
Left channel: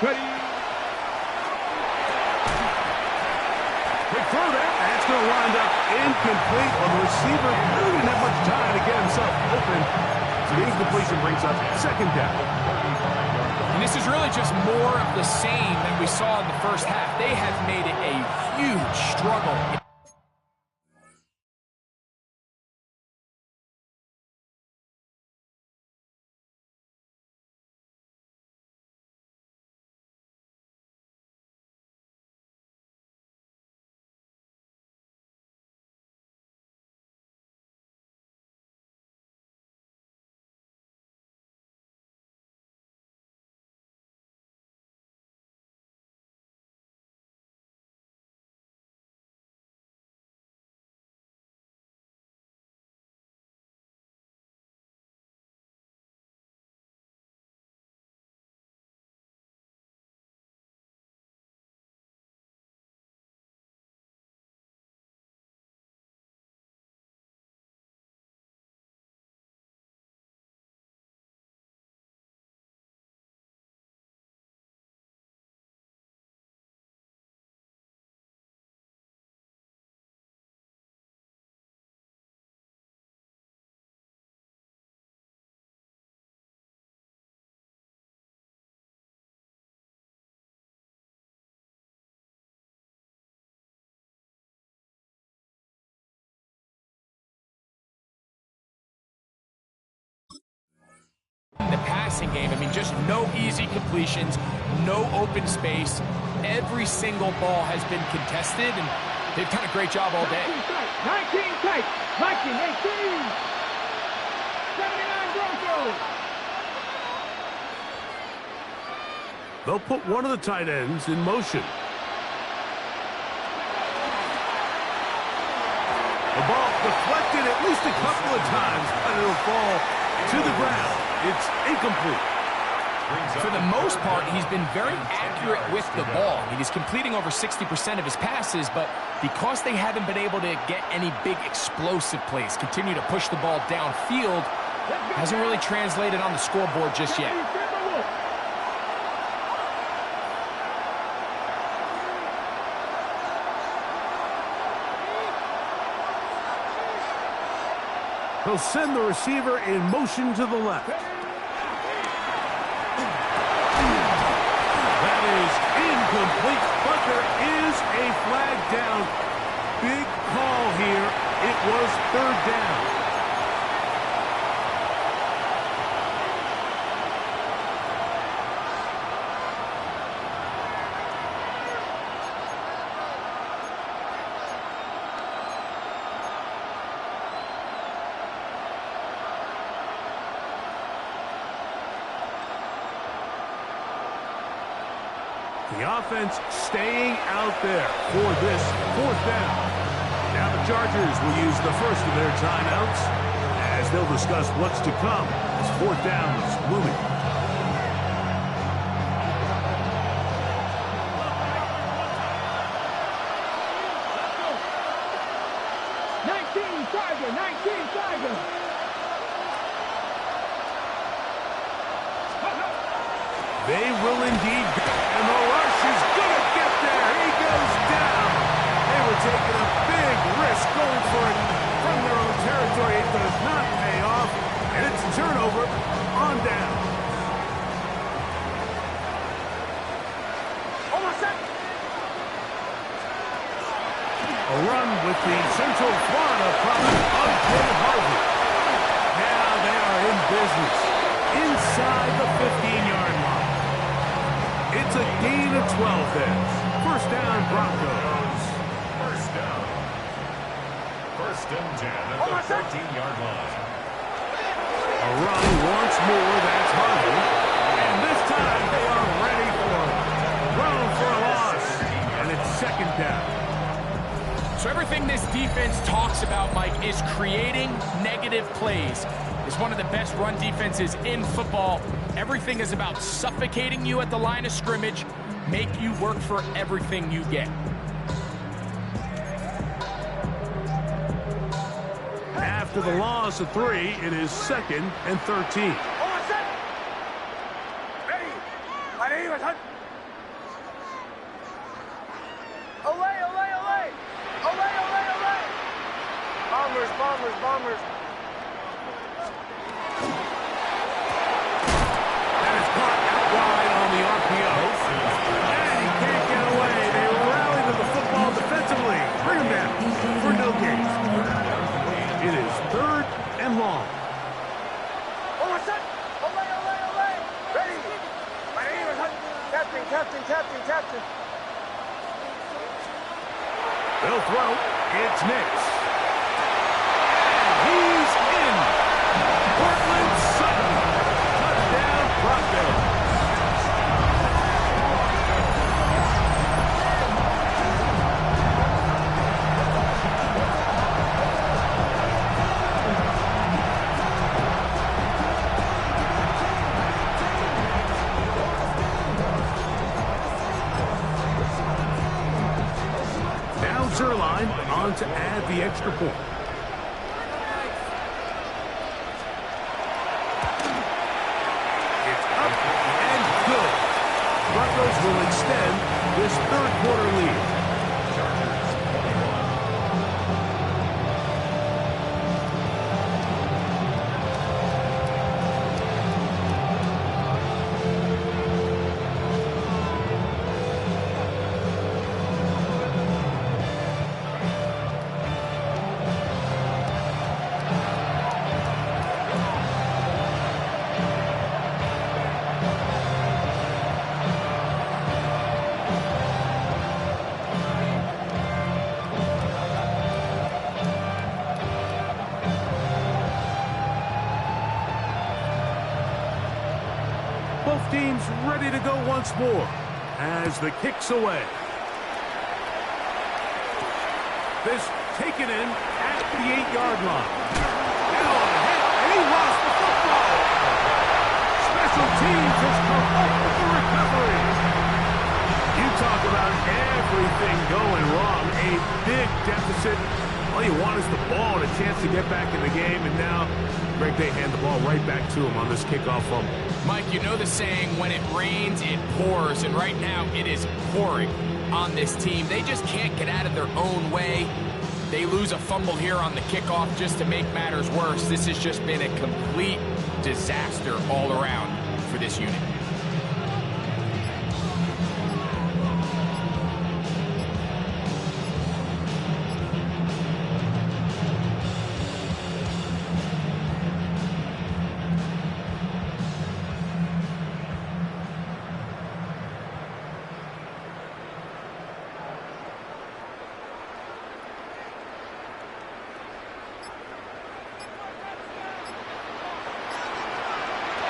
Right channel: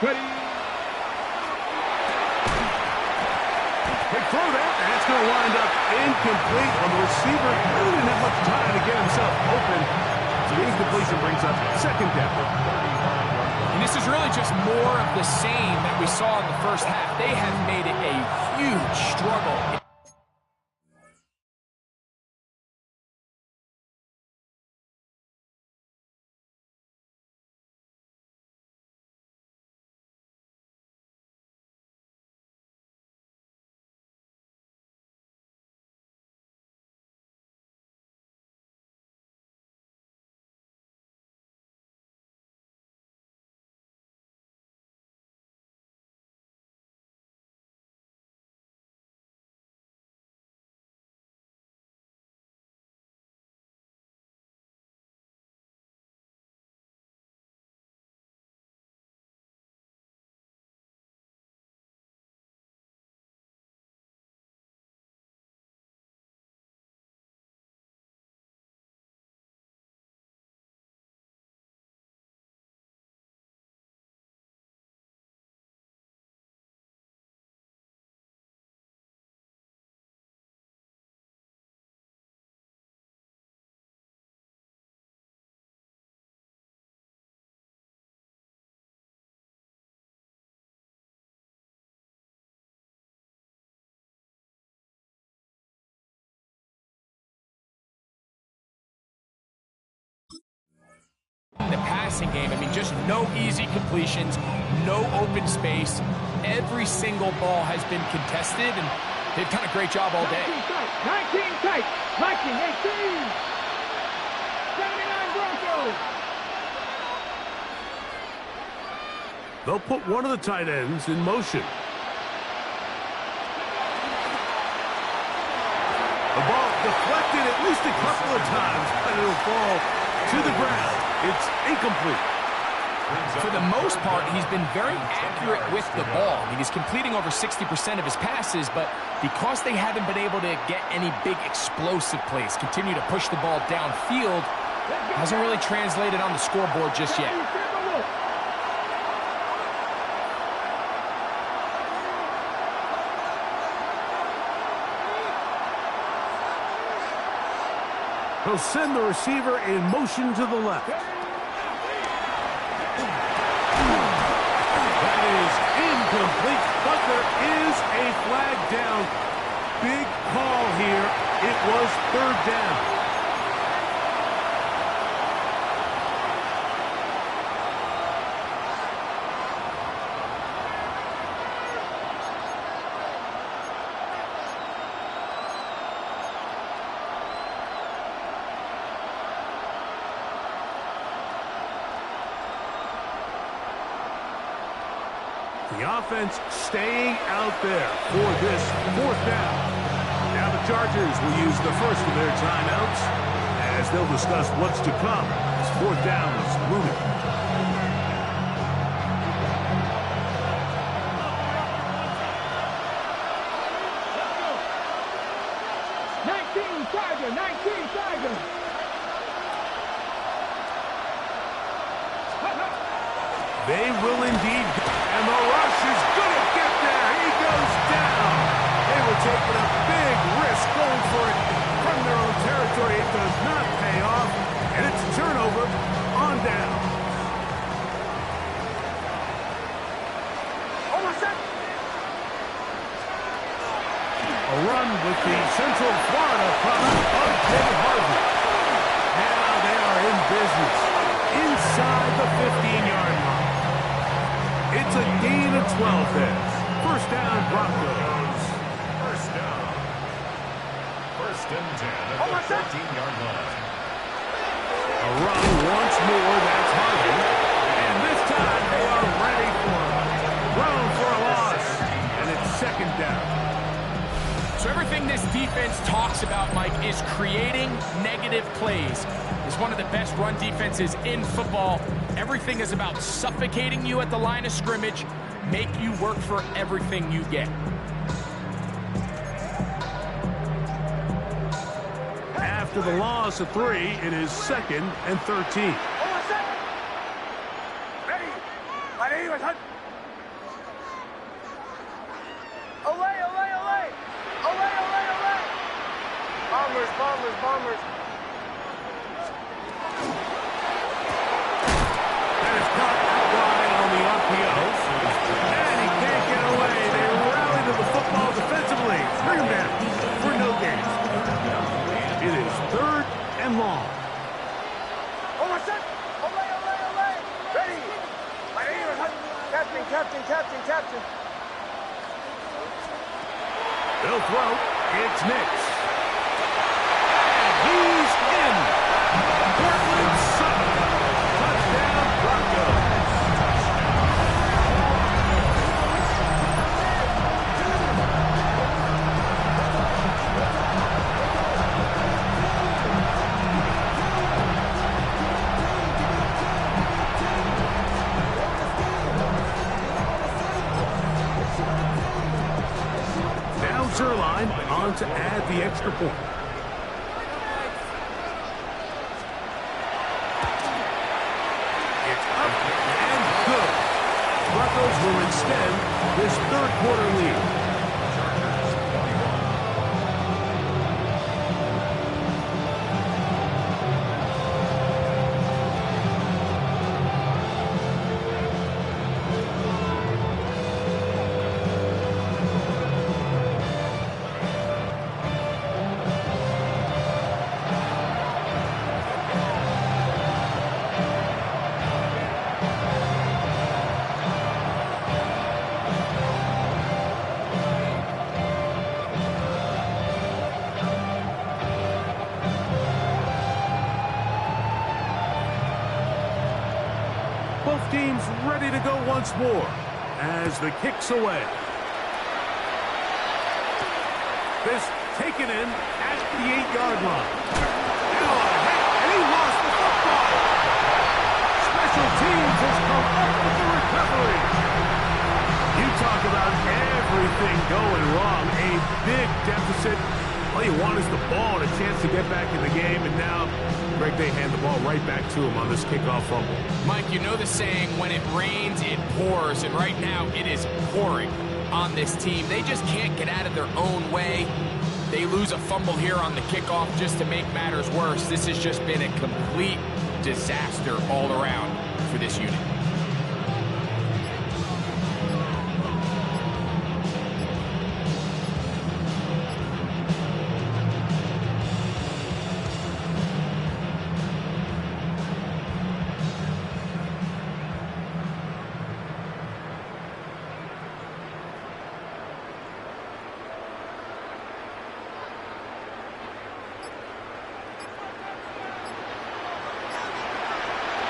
Ready. Quick throw there, and it's going to wind up incomplete. Well, the receiver really didn't have much time to get himself open. So the incompletion brings up second down. And this is really just more of the same that we saw in the first half. They have made it a huge struggle. In the passing game, I mean, just no easy completions, no open space. Every single ball has been contested, and they've done a great job all day. 19 tight. 19, 18. 79 Broncos. They'll put one of the tight ends in motion. The ball deflected at least a couple of times, but it'll fall to the ground. It's incomplete. For the most part, he's been very accurate with the ball. I mean, he's completing over 60% of his passes, but because they haven't been able to get any big explosive plays, continue to push the ball downfield, hasn't really translated on the scoreboard just yet. He'll send the receiver in motion to the left. That is incomplete, but there is a flag down. Big call here. It was third down. The offense staying out there for this fourth down. Now the Chargers will use the first of their timeouts as they'll discuss what's to come as fourth down is looming. Tiger, 19 Tiger. They will indeed go. And the rush is going to get there. He goes down. They were taking a big risk going for it from their own territory. It does not pay off. And it's a turnover on down. A run with the Central Florida product of Jay.R. Now they are in business inside the 15-yard line. It's a gain of 12 there. First down, Broncos. First down. First and 10 at the 13-yard line. A run once more, that's Harvey. And this time they are ready for it. Thrown for a loss. And it's second down. So everything this defense talks about, Mike, is creating negative plays. It's one of the best run defenses in football. Everything is about suffocating you at the line of scrimmage, make you work for everything you get. After the loss of 3, it is second and 13. Bombers. That is caught out wide on the RPO. And he can't get away. They rally to the football defensively. Bring him down for no gain. It is third and long. Ready. My name is Captain. They'll throw. It's Nix. He's in. Portland Sutton. Touchdown, Broncos. Now Zerline on to add the extra point. Broncos will extend this third quarter lead. Chargers 21. Both teams ready to go once more as the kick's away. This taken in at the 8-yard line. Now a hit, and he lost the football. Special teams has come up with the recovery. You talk about everything going wrong. A big deficit. All you want is the ball and a chance to get back in the game, and now Greg, they hand the ball right back to him on this kickoff fumble. Mike, you know the saying, when it rains, it pours, and right now it is pouring on this team. They just can't get out of their own way. They lose a fumble here on the kickoff just to make matters worse. This has just been a complete disaster all around for this unit.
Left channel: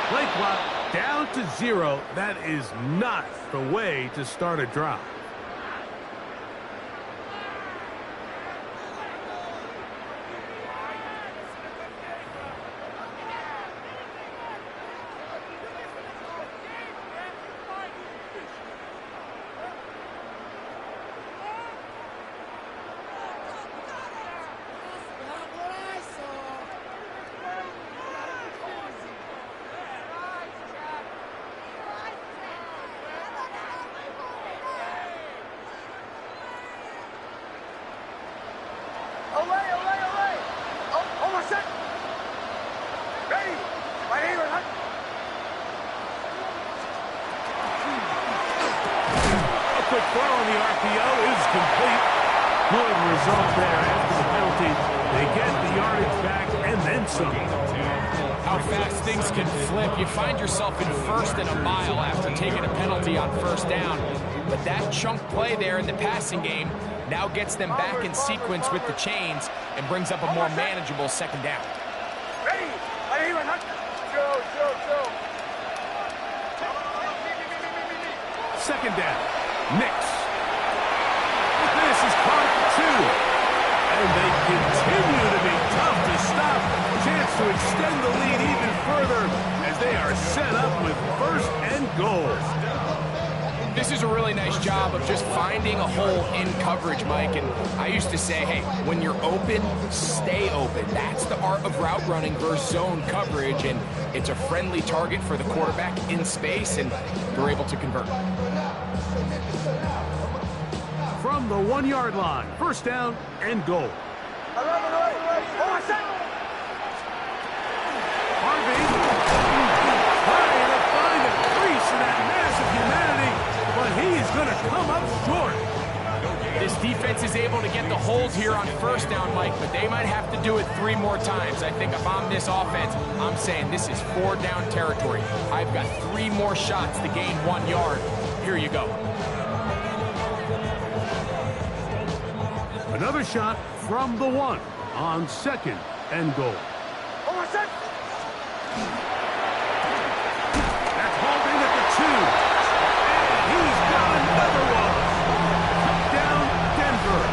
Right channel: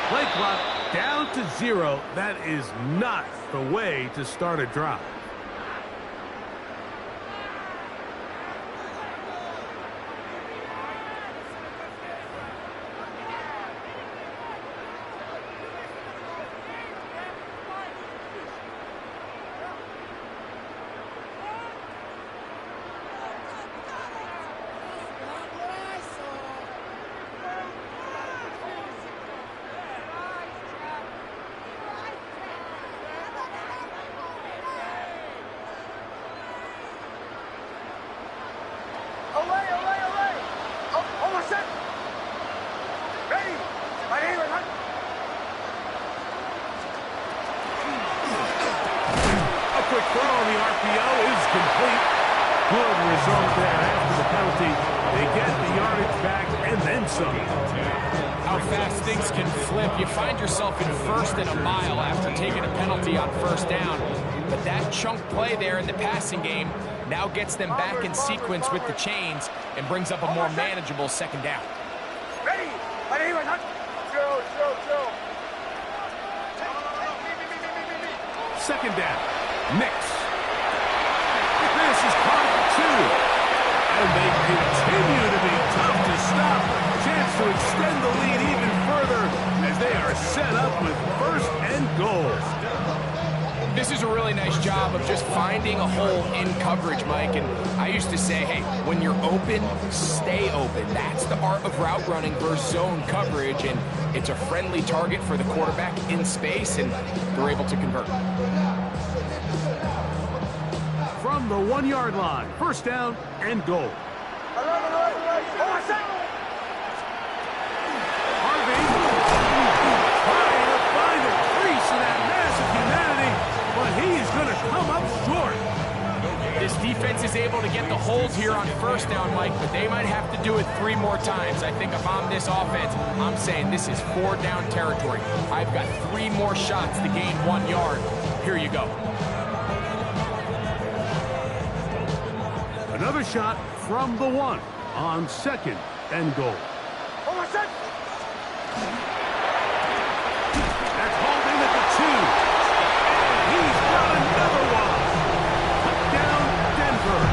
Play clock down to 0. That is not the way to start a drive. Quick throw on the RPO is complete. Good result there after the penalty. They get the yardage back and then some. How fast things can flip. You find yourself in first and a mile after taking a penalty on first down. But that chunk play there in the passing game now gets them back in sequence with the chains and brings up a more manageable second down. Ready? Chill. Second down. Nix. This is caught at the 2. And they continue to be tough to stop. Chance to extend the lead even further as they are set up with first and goal. This is a really nice job of just finding a hole in coverage, Mike. And I used to say, hey, when you're open, stay open. That's the art of route running versus zone coverage. And it's a friendly target for the quarterback in space, and they're able to convert. From the 1-yard line, first down and goal. Harvey trying to find a crease in that massive humanity, but he is going to come up short. This defense is able to get the hold here on first down, Mike, but they might have to do it 3 more times. I think if I'm this offense, I'm saying this is 4-down territory. I've got 3 more shots to gain 1 yard. Here you go. Another shot from the 1 on second and goal. That's hauled in at the 2. And he's got another one. Touchdown, Denver.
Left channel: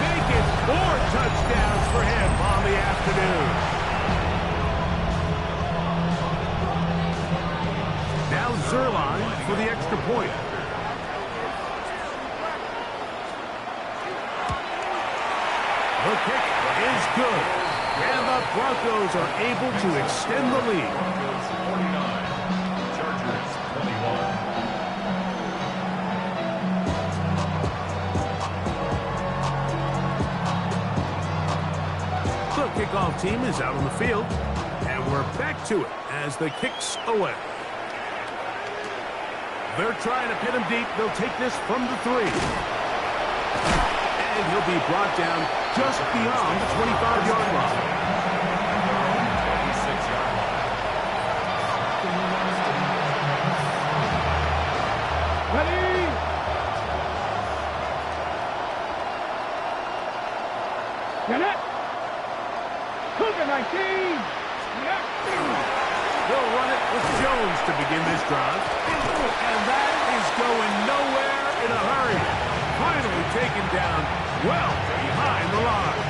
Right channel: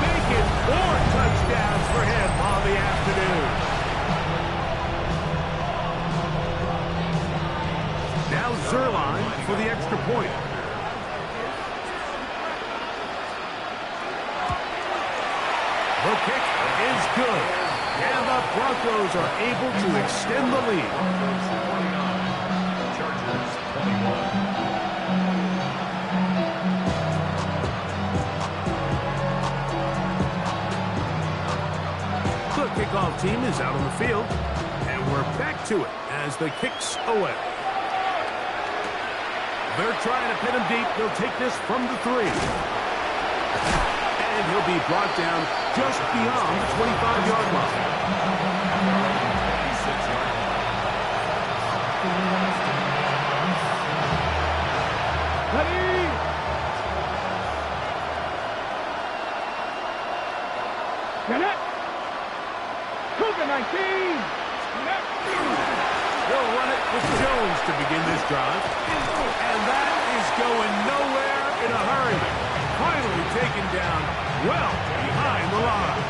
Make it 4 touchdowns for him on the afternoon. Now Zerline for the extra point. The kick is good, and the Broncos are able to extend the lead. Broncos 49, Chargers 21. The kickoff team is out on the field, and we're back to it as the kick's away. They're trying to pin him deep. They'll take this from the 3. And he'll be brought down just beyond the 25-yard line. 26-yard line. Ready? Get it! Cougar 19! They'll run it with Jones to begin this drive. And that is going nowhere in a hurry. Finally taken down well behind the line.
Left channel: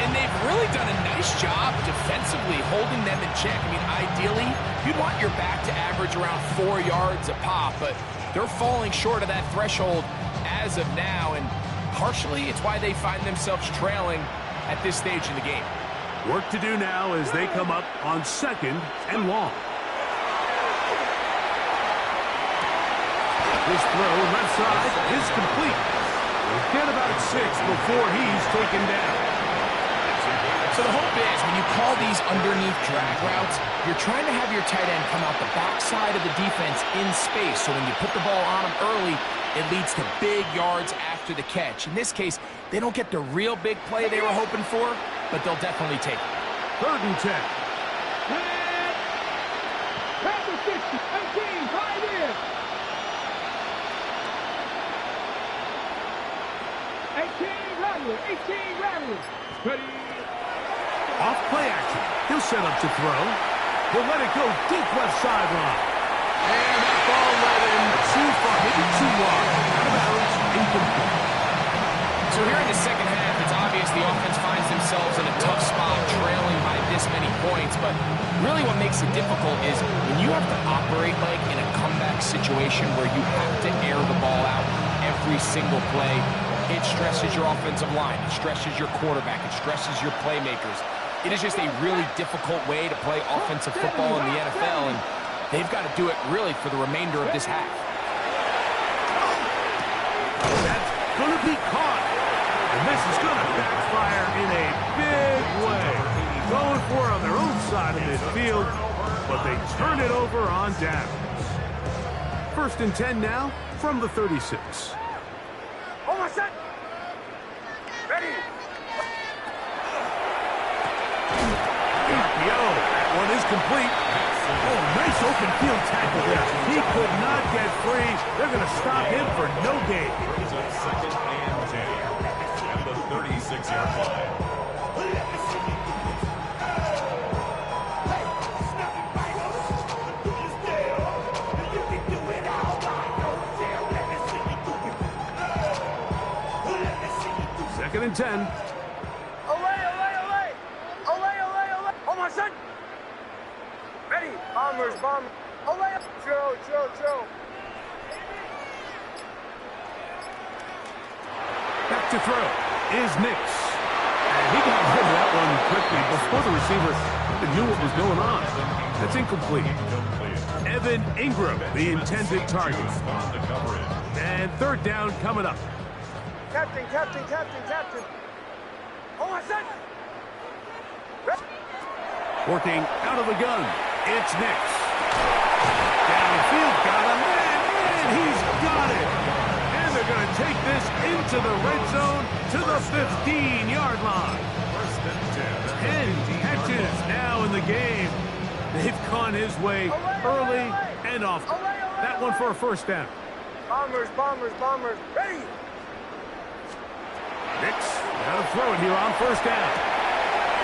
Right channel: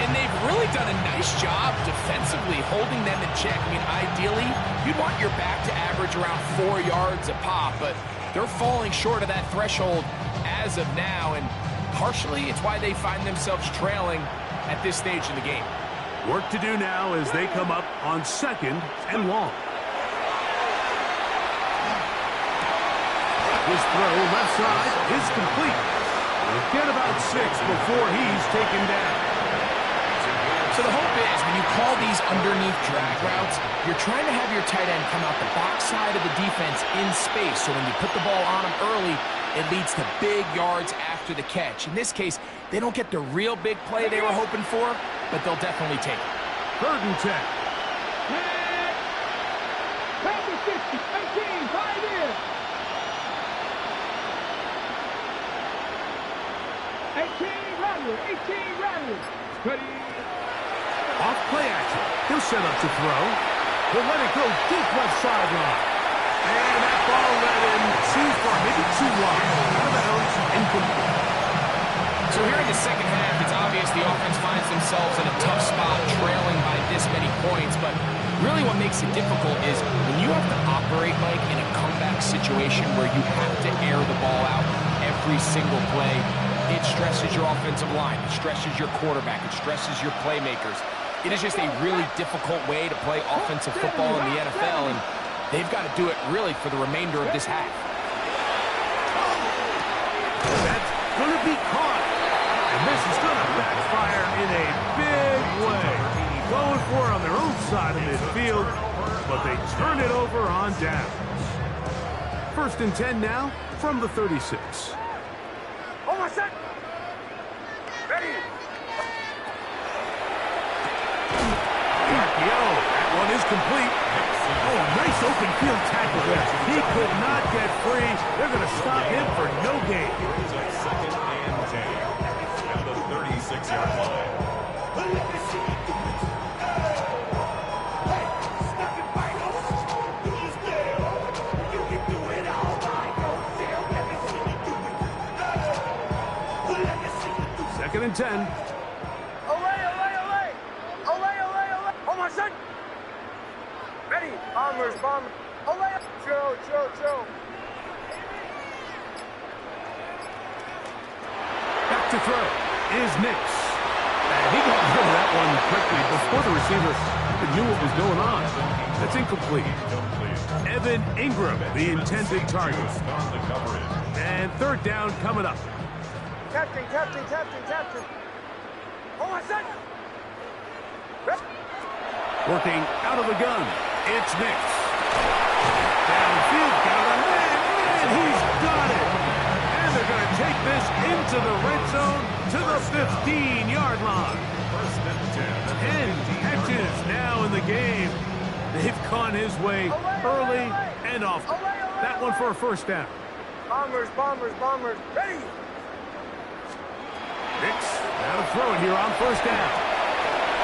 And they've really done a nice job defensively holding them in check. I mean, ideally, you'd want your back to average around 4 yards a pop, but they're falling short of that threshold as of now, and partially it's why they find themselves trailing at this stage in the game. Work to do now as they come up on second and long. His throw left side is complete. We'll get about 6 before he's taken down. So the hope is when you call these underneath drag routes, you're trying to have your tight end come out the backside of the defense in space. So when you put the ball on him early, it leads to big yards after the catch. In this case, they don't get the real big play they were hoping for, but they'll definitely take it. 3rd and 10. Pass the 60, 18, right in. 18 Rattler. Ready? Off play action. He'll set up to throw. He'll let it go deep left sideline. And that ball led him too far, maybe too wide. Out of bounds, incomplete. So here in the second half, it's obvious the offense finds themselves in a tough spot, trailing by this many points. But really what makes it difficult is when you have to operate, Mike, in a comeback situation where you have to air the ball out every single play, it stresses your offensive line. It stresses your quarterback. It stresses your playmakers. It is just a really difficult way to play offensive football in the NFL, and they've got to do it really for the remainder of this half. That's going to be caught. And this is going to backfire in a big way. Going for it on their own side of midfield, but they turn it over on downs. 1st and 10 now from the 36. Ready. The RPO. That one is complete. Oh, nice open field tackle there. He could not get free. They're going to stop him for no gain. Brings up 2nd and 10 at the 36-yard line. Second and 10. Olay, olay, olay. Olay, olay, olay. Oh, my son. Ready. Bombers, bombers. Olay. Chill, chill, chill. Back to throw is Nix. And he got rid of that one quickly before the receiver even knew what was going on. That's incomplete. Evan Ingram, the intended target. On the coverage. And third down coming up. Captain, captain, captain, captain. Oh, my son. Working out of the gun, it's Nix. Downfield, got a man, and he's got it. And they're going to take this into the red zone to the 15-yard line. 10 catches now in the game. They've gone his way early and often. That one for a first down. Bombers, bombers, bombers. Ready. Nix, now to throw it here on first down.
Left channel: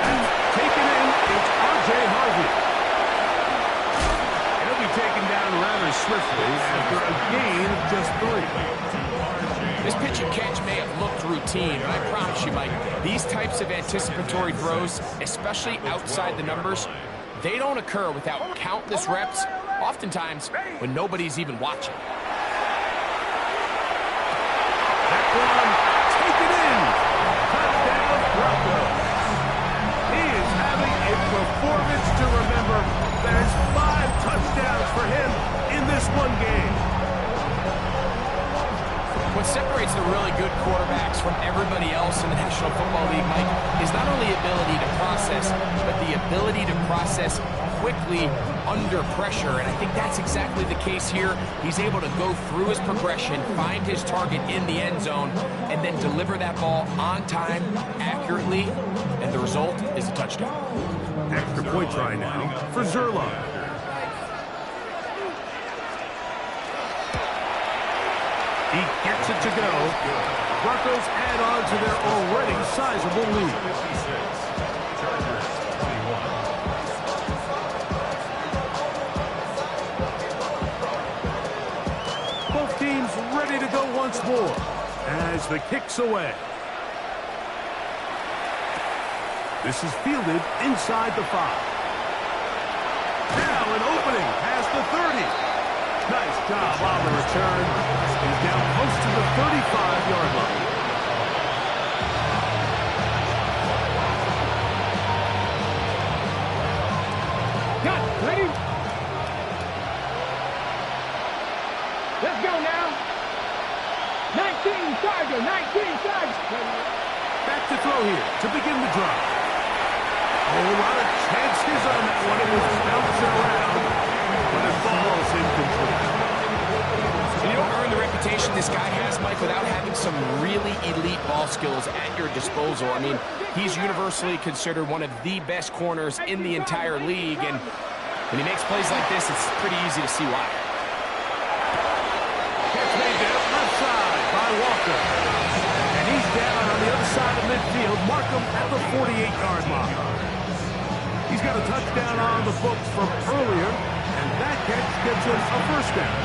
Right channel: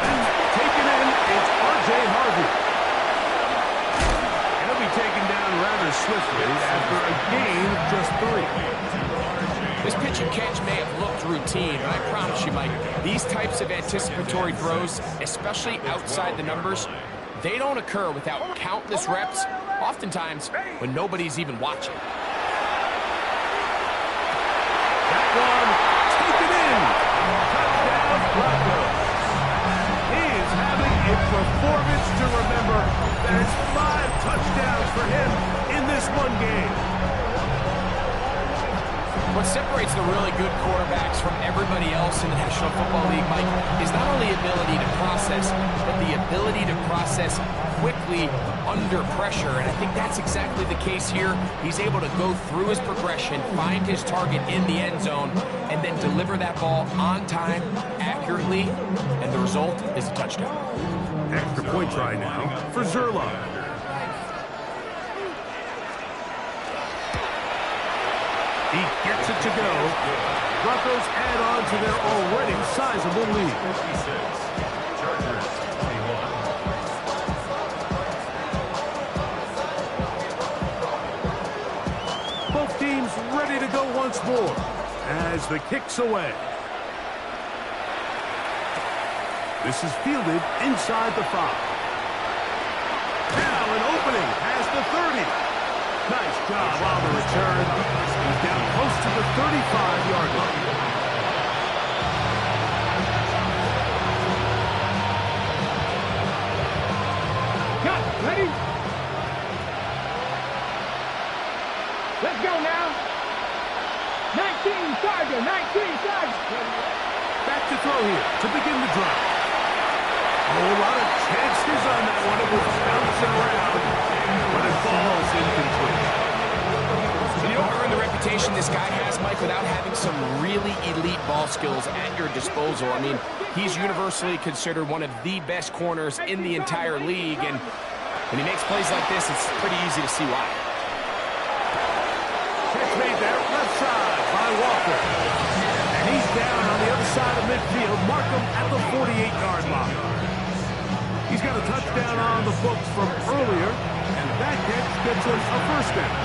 That's taken in. It's R.J. Harvey. And he'll be taken down rather swiftly after a gain of just 3. This pitch and catch may have looked routine, but I promise you, Mike, these types of anticipatory throws, especially outside the numbers, they don't occur without countless reps, oftentimes when nobody's even watching. That one taken in. Touchdown, Broncos. He is having a performance to remember. There's 5 touchdowns for him in this one game. What separates the really good quarterbacks from everybody else in the National Football League, Mike, is not only ability to process, but the ability to process quickly under pressure. And I think that's exactly the case here. He's able to go through his progression, find his target in the end zone, and then deliver that ball on time, accurately, and the result is a touchdown. Extra point try now for Zerlo. He gets it to go. Broncos add on to their already sizable lead. 56. Chargers 21. Both teams ready to go once more as the kick's away. This is fielded inside the 5. Now an opening past the 30. Nice job on the return. He's down close to the 35-yard line. Got it. Ready? Let's go now. 19 Charger, 19 Charger. Back to throw here to begin the drive. Oh, a lot of chances on that one. It was bouncing around, but it falls incomplete. And you don't earn the reputation this guy has, Mike, without having some really elite ball skills at your disposal. I mean, he's universally considered one of the best corners in the entire league, and when he makes plays like this, it's pretty easy to see why. Catch made there, left side by Walker. And he's down on the other side of midfield. Mark him at the 48-yard mark. He's got a touchdown on the books from earlier, and that catch gets him a first down.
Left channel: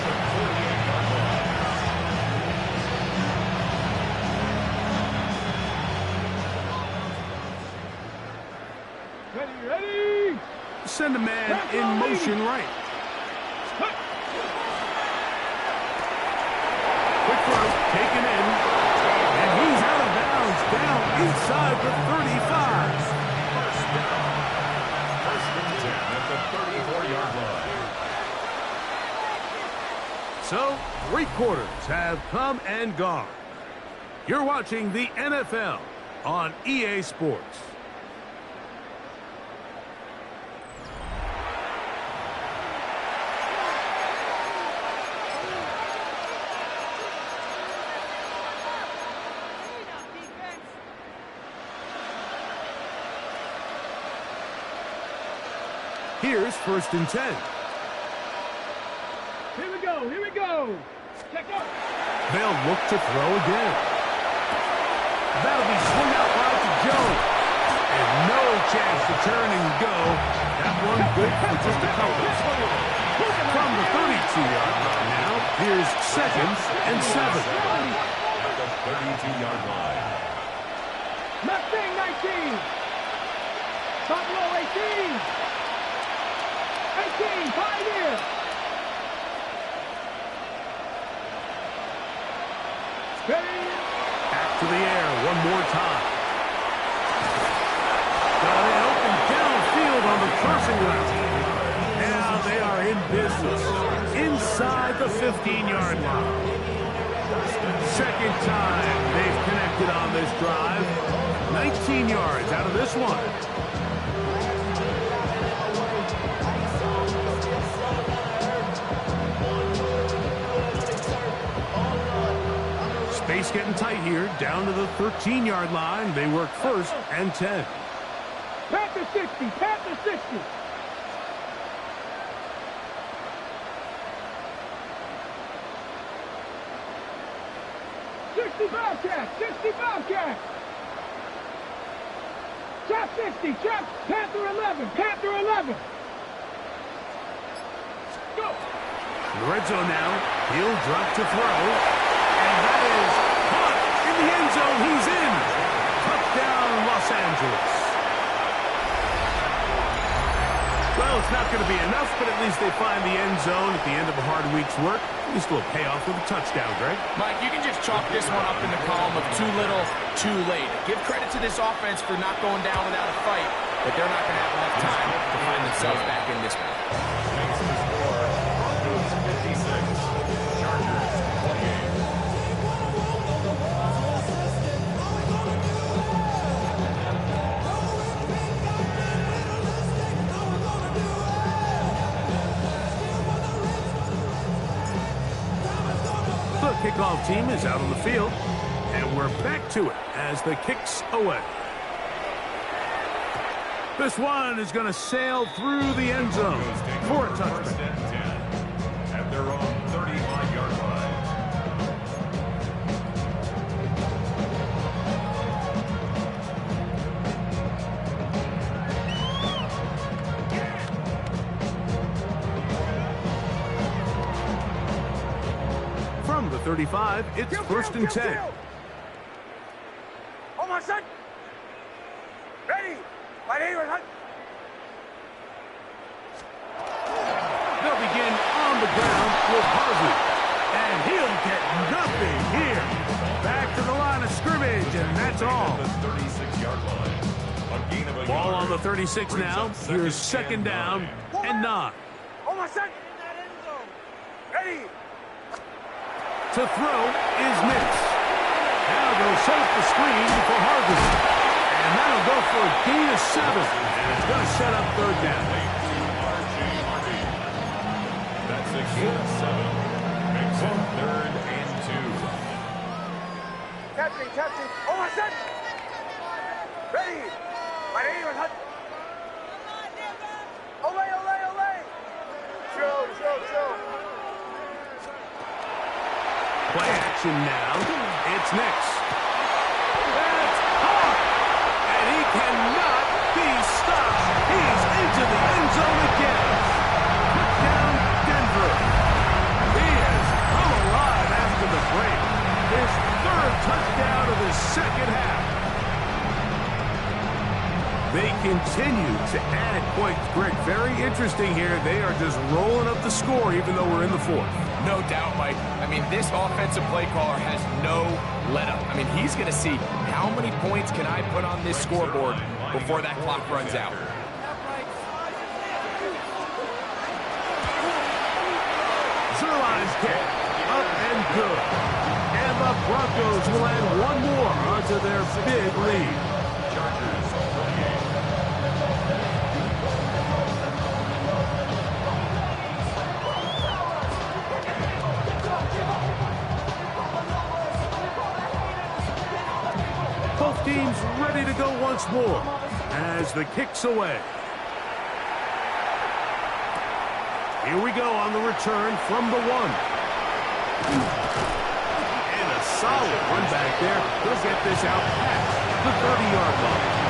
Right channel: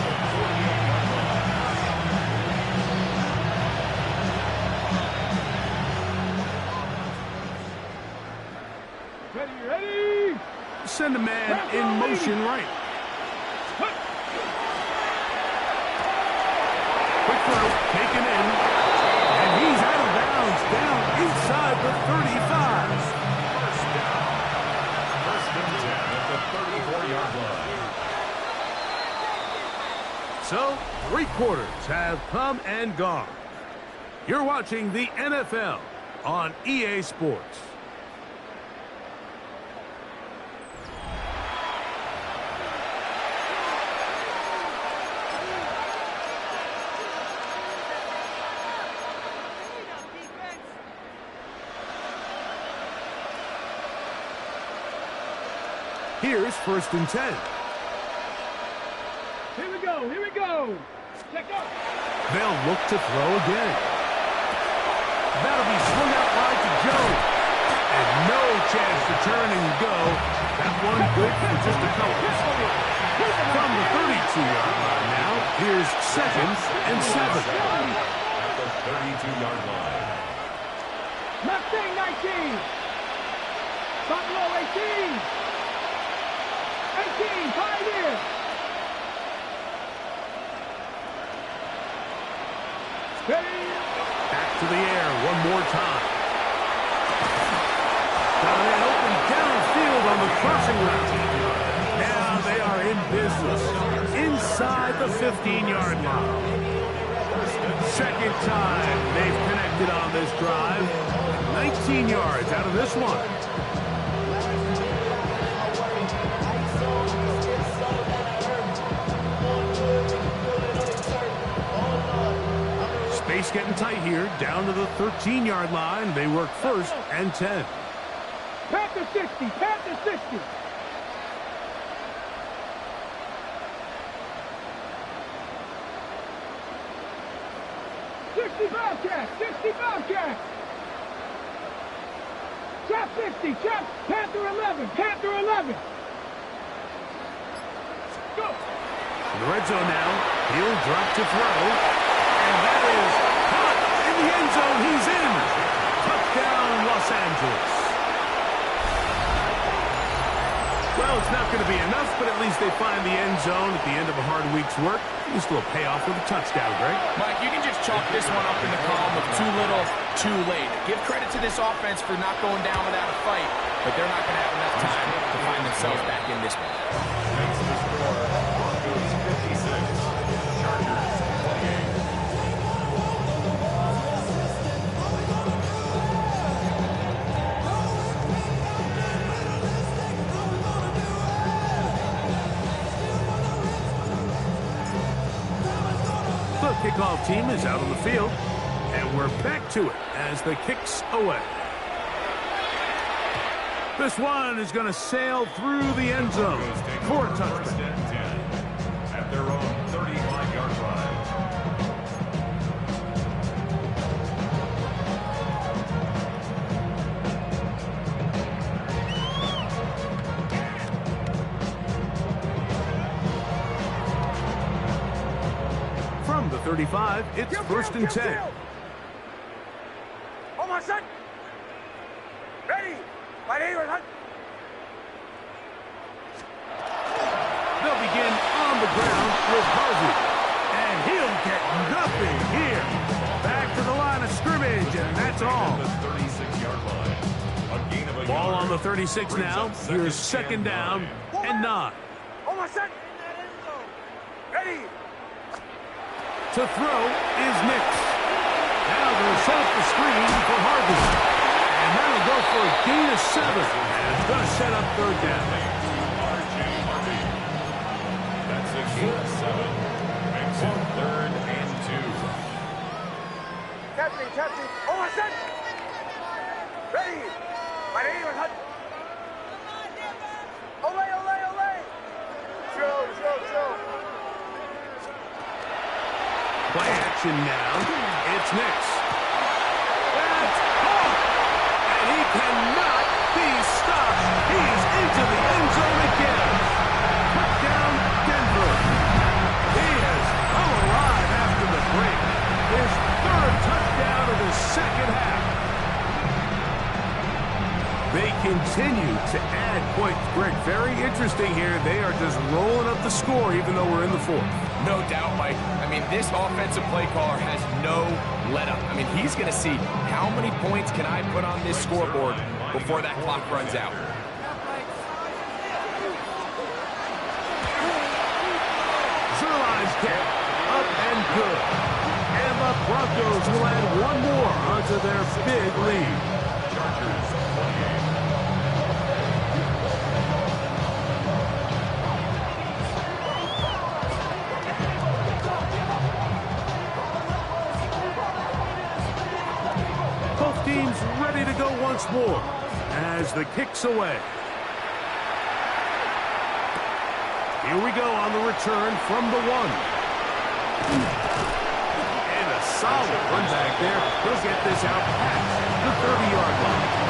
Ready, ready. Send a man in motion right. Quick throw, taken in, and he's out of bounds, down inside the 35. First down. First and 10 at the 34-yard line. So, 3 quarters have come and gone. You're watching the NFL on EA Sports. here's 1st and 10. Here we go, here we go. Check out. They'll look to throw again. That'll be swung out wide to Joe. And no chance to turn and go. That one good for just a couple. From the 32-yard line now, here's 2nd and 7. At the 32-yard line. Mustang 19. Buffalo 18. 18, Pioneer. Ready. Back to the air one more time. Got it open downfield on the crossing route. Now they are in business inside the 15-yard line. 2nd time they've connected on this drive. 19 yards out of this one. Space getting tight here. Down to the 13-yard line. They work 1st and 10. Panther 60, Panther 60. Bobcat, 60 Bobcat. Trap 60, trap, Panther 11, Panther 11. Go. In the red zone now. He'll drop to throw. And that is caught in the end zone. He's in. Touchdown, Los Angeles. Well, it's not going to be enough, but at least they find the end zone at the end of a hard week's work. At least a little payoff with a touchdown, Greg. Mike, you can just chalk this one up in the column of too little, too late. Give credit to this offense for not going down without a fight, but they're not going to have enough time to find themselves back in this one. Makes the score. Broncos 56. Chargers 28. The kickoff team is out on the field, and we're back to it as the kick's away. This one is going to sail through the end zone for a touchdown. 1st and 10 at their own 35-yard line. From the 35, it's 1st and 10. Oh, my son. Ready. My neighbor, hunt. They'll begin on the ground with Harvey. And he'll get nothing here. Back to the line of scrimmage, and that's all. The 36-yard line. A gain of a Ball yard. on the 36 now. Here's 2nd down and 9. Oh, my son. Ready. To throw is Nix. Now they'll set up the screen for Harvey. And that'll go for a gain of 7. And it's going to set up 3rd down. Jay.R. That's a gain of 7. Makes it 3rd and 2. Captain. Oh, my son. Ready. My neighbor, hunt. Ole. Joe. Play action now. It's Nix. That's caught. And he cannot be stopped. He's into the end zone again. Touchdown, Denver. He has come alive after the break. His 3rd touchdown of the 2nd half. They continue to add points. Greg, very interesting here. They are just rolling up the score even though we're in the 4th. No doubt, Mike. I mean, this offensive play caller has no let-up. I mean, he's going to see how many points can I put on this scoreboard before that clock runs out. Zerline's kick, up and good. And the Broncos will add one more onto their big lead. Chargers 28. Both teams ready to go once more as the kick's away. Here we go on the return from the 1. And a solid run back there. He'll get this out past the 30-yard line.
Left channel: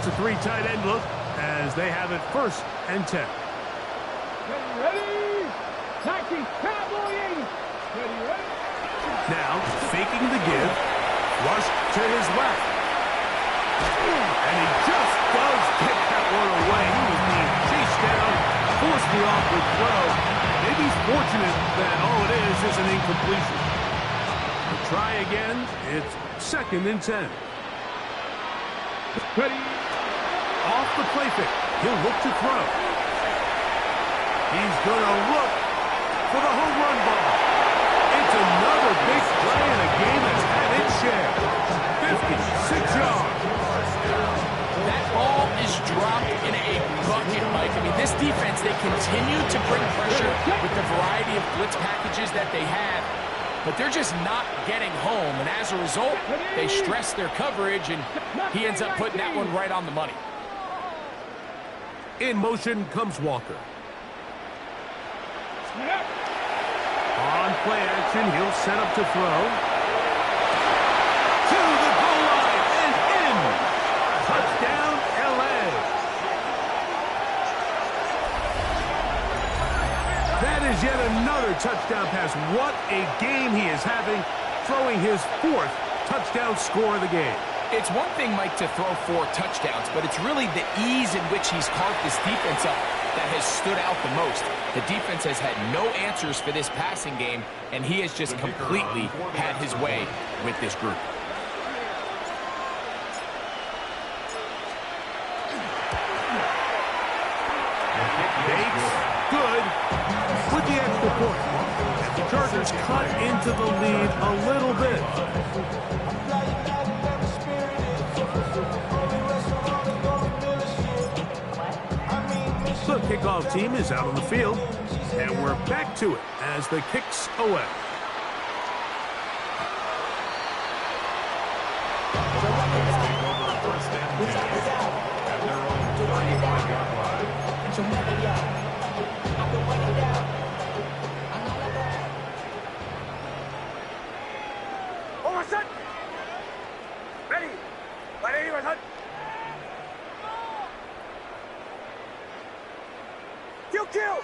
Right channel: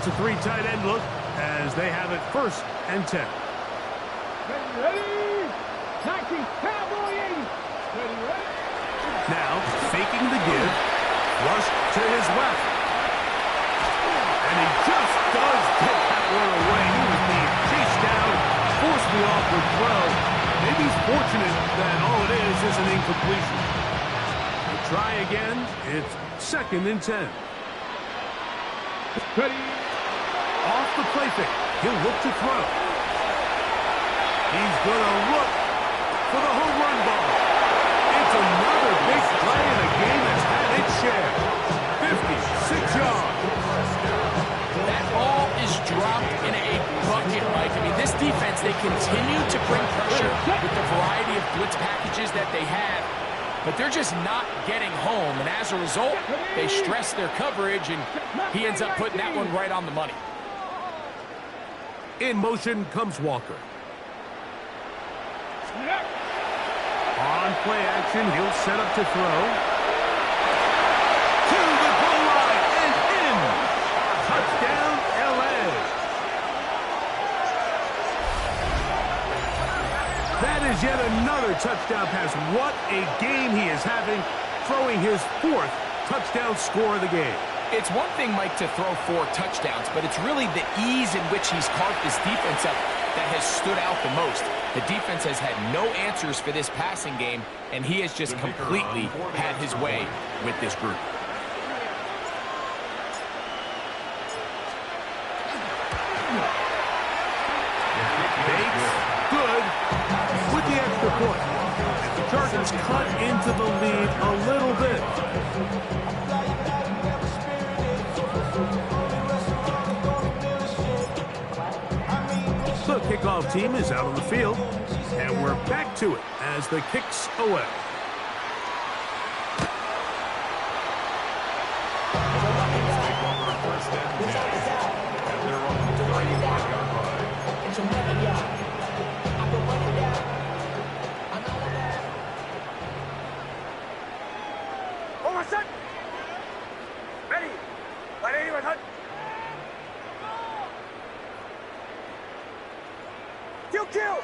It's a 3 tight end look as they have it 1st and 10. Ready? 19, Cowboy 80. Ready, ready? Now, faking the give, rushed to his left. And he just does get that one away. He was being chased down, forced the awkward throw. Maybe he's fortunate that all it is an incompletion. We'll try again. It's 2nd and 10. Ready? Off the play fake. He'll look to throw. He's going to look for the home run ball. It's another big play in a game that's had its share. 56 yards. That ball is dropped in a bucket, Mike. I mean, this defense, they continue to bring pressure with the variety of blitz packages that they have, but they're just not getting home. And as a result, they stress their coverage, and he ends up putting that one right on the money. In motion comes Walker. On play action, he'll set up to throw. To the goal line and in. Touchdown, LA. That is yet another touchdown pass. What a game he is having, throwing his 4th touchdown score of the game. It's one thing, Mike, to throw 4 touchdowns, but it's really the ease in which he's carved this defense up that has stood out the most. The defense has had no answers for this passing game, and he has just completely had his way with this group. Bates, good, with the extra point. And the Chargers cut into the lead a little bit. The kickoff team is out on the field, and we're back to it as the kick's away. The Vikings take over 1st and 10 at their own 31-yard line. Oh, my son! Ready? Ready, my son? Kill!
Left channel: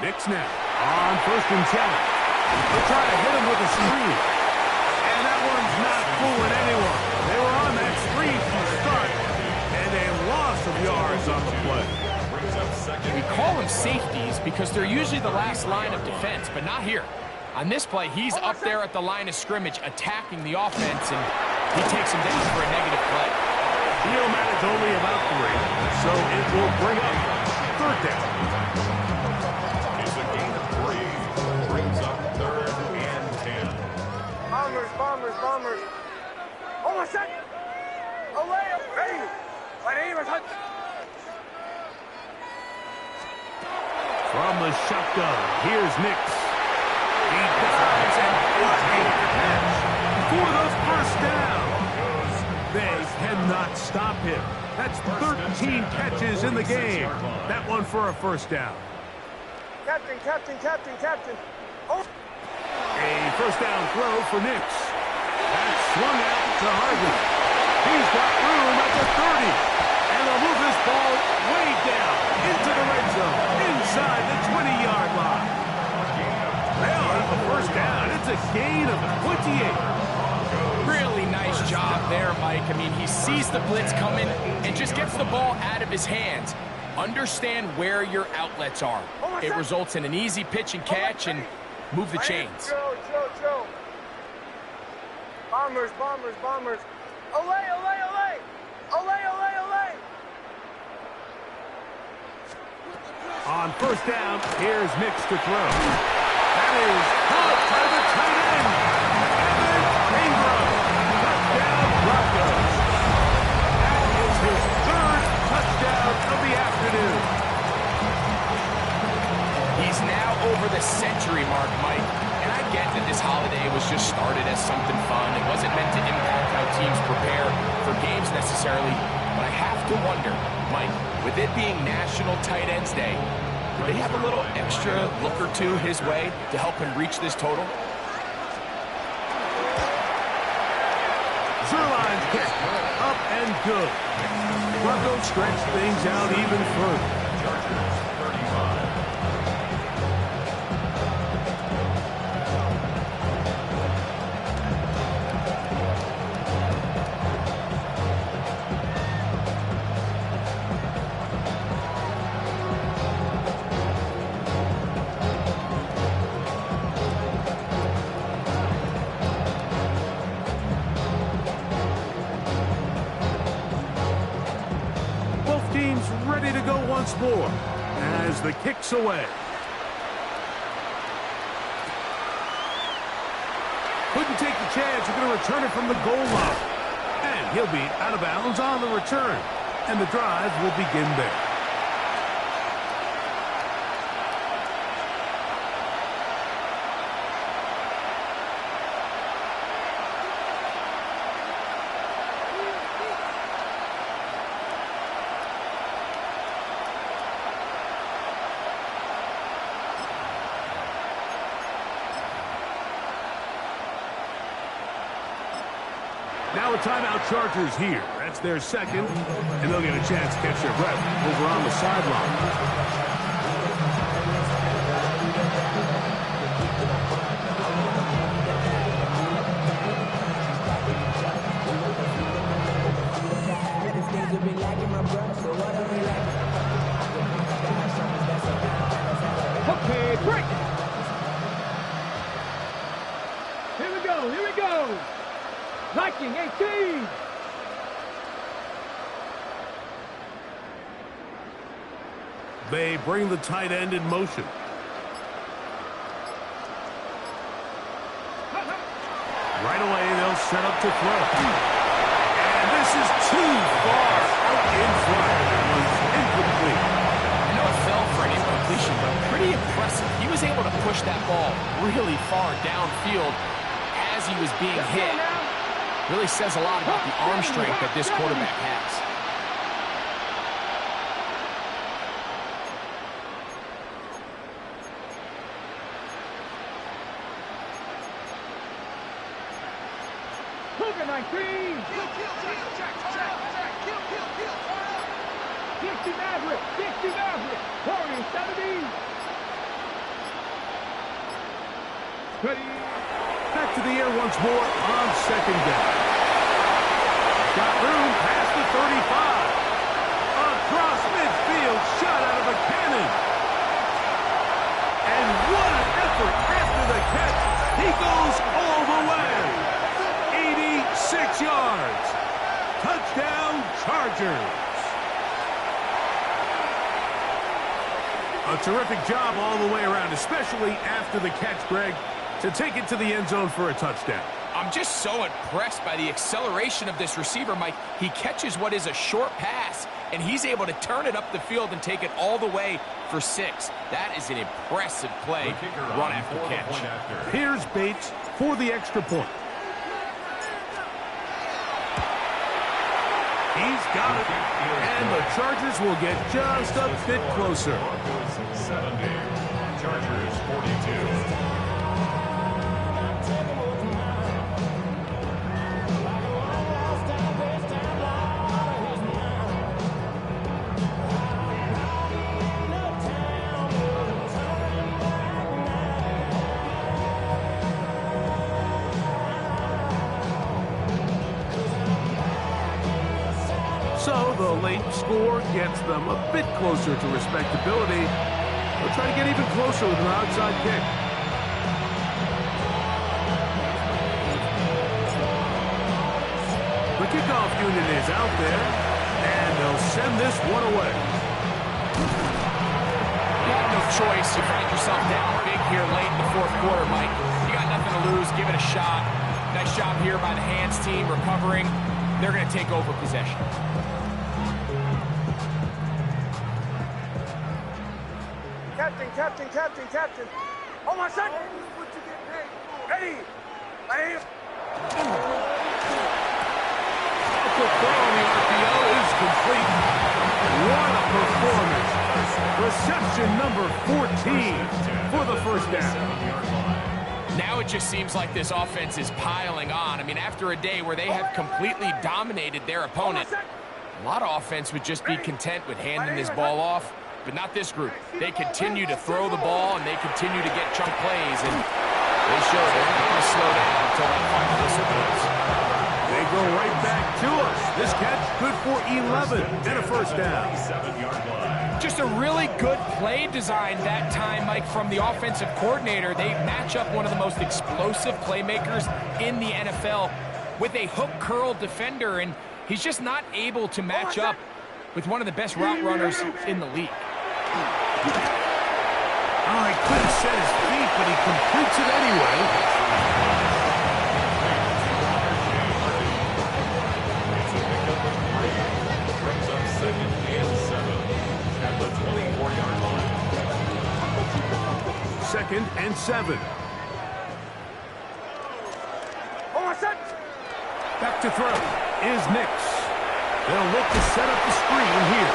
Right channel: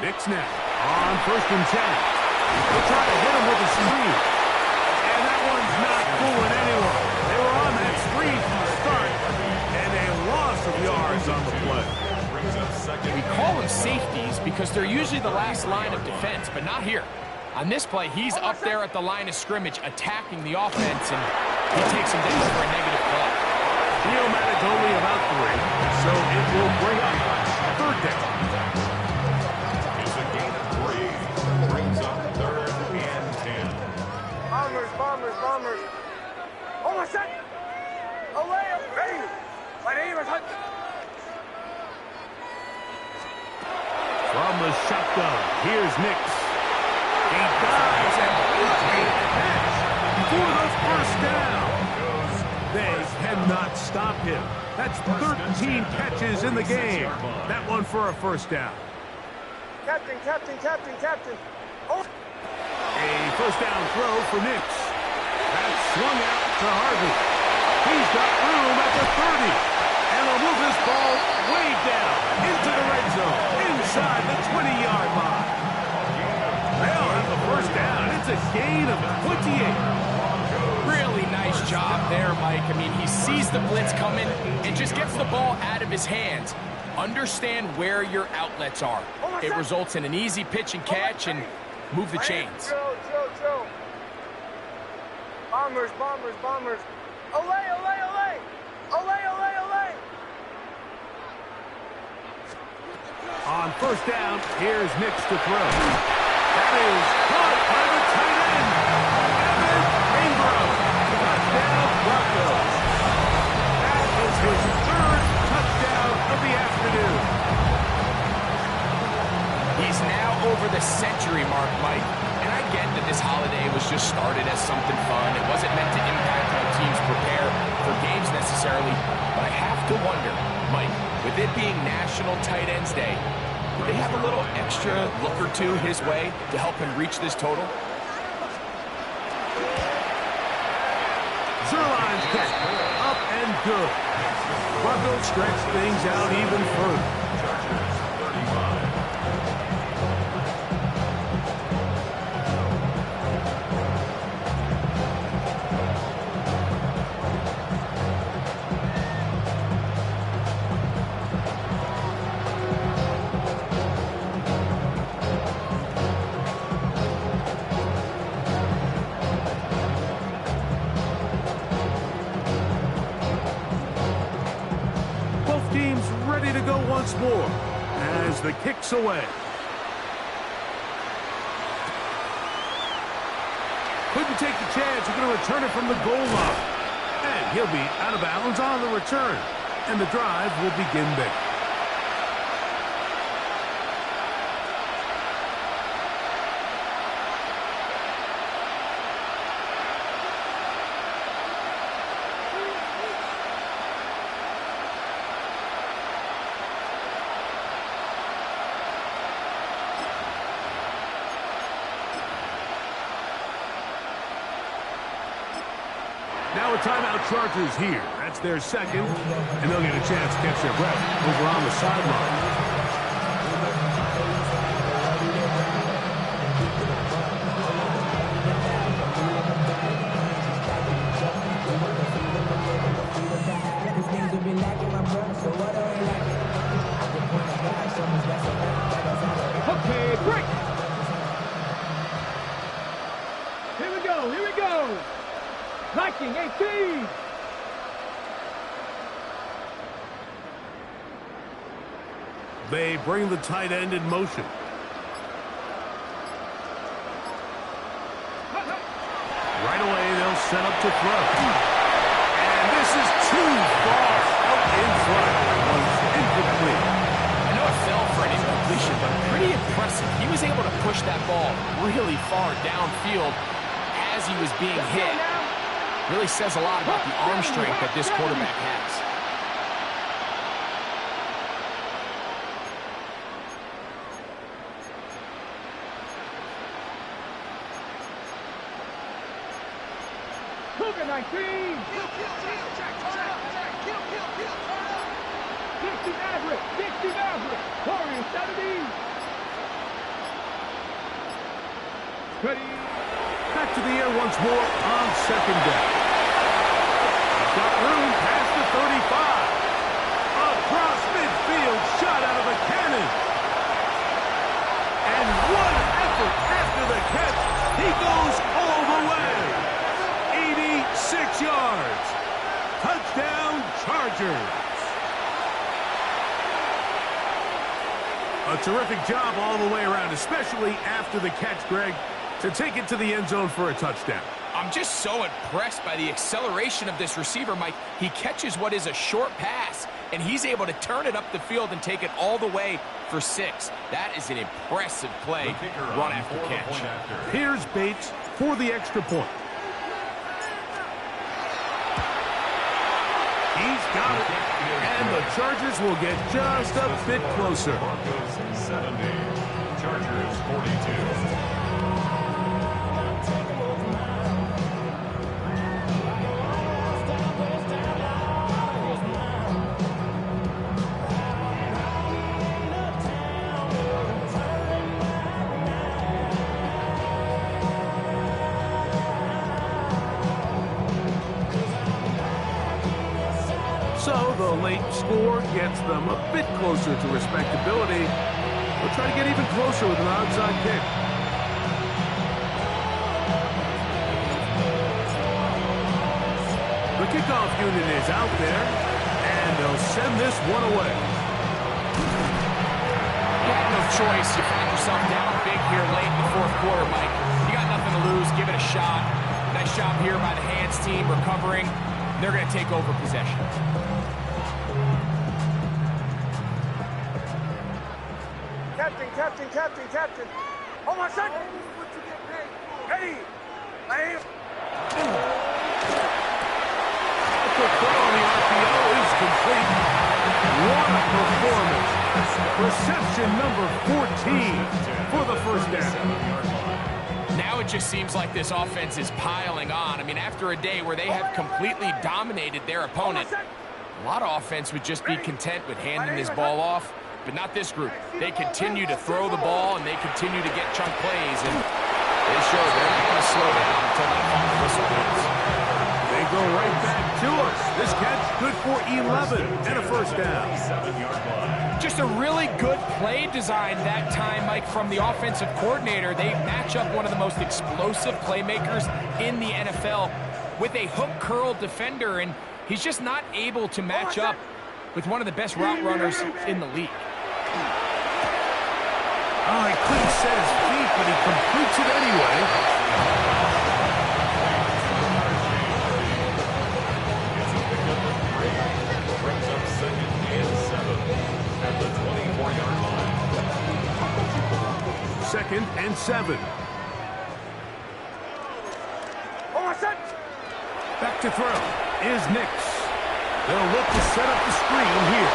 Knicks now on 1st and 10. They'll try to hit him with a screen. And that one's not fooling anyone. They were on that screen from the start, and a loss of yards on the play. We call them safeties because they're usually the last line of defense, but not here. On this play, he's up there at the line of scrimmage attacking the offense, and he takes him down for a negative play. He'll manage only about 3, so it will bring up 3rd down. It's a gain of 3. Brings up 3rd and 10. Bombers. Oh, my son! Away! Ready? Ready, my son? From the shotgun, here's Nix. He dives, and what a catch for the 1st down. They cannot stop him. That's 13 catches in the game. That one for a 1st down. Captain. Oh. A 1st down throw for Nix. That's swung out to Harvey. He's got room at the 30. And they'll move this ball way down into the red zone, inside the 20-yard line. They'll have a 1st down. It's a gain of 28. Really nice job there, Mike. I mean, he sees the blitz coming and just gets the ball out of his hands. Understand where your outlets are. It results in an easy pitch and catch and move the chains. Joe. Bombers. Olay. On first down, here's Nix to throw. That is caught by the tight end, Evan Ingram. Touchdown, Broncos. That is his third touchdown of the afternoon. He's now over the century mark, Mike. And I get that this holiday was just started as something fun. It wasn't meant to impact how teams prepare for games necessarily. But I have to wonder, Mike, with it being National Tight Ends Day, do they have a little extra look or two his way to help him reach this total? Zerline's kick, up and good. Broncos stretch things out even further. Chargers 35. Teams ready to go once more as the kick's away. Couldn't take the chance. He's going to return it from the goal line. And he'll be out of bounds on the return. And the drive will begin there. Now a timeout, Chargers here. That's their second, and they'll get a chance to catch their breath over on the sideline. Okay, break. Here we go, here we go. Viking 18. They bring the tight end in motion. Right away, they'll set up to throw. And this is too far out in front. It was incomplete. I know it fell for an incompletion, but pretty impressive. He was able to push that ball really far downfield as he was being hit. Really says a lot about the arm strength that this quarterback has. Cougar 19. Kill, check, kill, 60 Maverick, Warriors 70. Ready. Back to the air once more on second down. He's got room past the 35. Across midfield, shot out of a cannon. And what an effort after the catch. He goes all the way. 86 yards. Touchdown, Chargers. A terrific job all the way around, especially after the catch, Greg, to take it to the end zone for a touchdown. I'm just so impressed by the acceleration of this receiver, Mike. He catches what is a short pass, and he's able to turn it up the field and take it all the way for 6. That is an impressive play, run after catch. Here's Bates for the extra point. He's got it, and the Chargers will get just a bit closer. Broncos 70, Chargers 42. So the late score gets them a bit closer to respectability. They'll try to get even closer with an onside kick. The kickoff unit is out there, and they'll send this one away. choice. You find yourself down big here late in the fourth quarter, Mike. You got nothing to lose. Give it a shot. Nice job here by the hands team recovering. They're going to take over possession. Captain, captain, captain, captain. Oh, my son. What you get paid for? Ready. Aim. The throw on the RPO is complete. What a performance. Reception number 14 for the first down. Now it just seems like this offense is piling on. I mean, after a day where they have completely dominated their opponent, a lot of offense would just be content with handing this ball off, but not this group. They continue to throw the ball, and they continue to get chunk plays, and they show they're not going to slow down until that final whistle blows. They go right back to us. This catch good for 11 and a first down. Just a really good play design that time, Mike, from the offensive coordinator. They match up one of the most explosive playmakers in the NFL with a hook curl defender, and he's just not able to match up with one of the best route runners in the league. Oh, he couldn't set his feet, but he completes it anyway. It's a pickup of 3. Brings up 2nd and 7 at the 24-yard line. 2nd and 7. Oh, my son. Back to throw is Nix. They'll look to set up the screen here.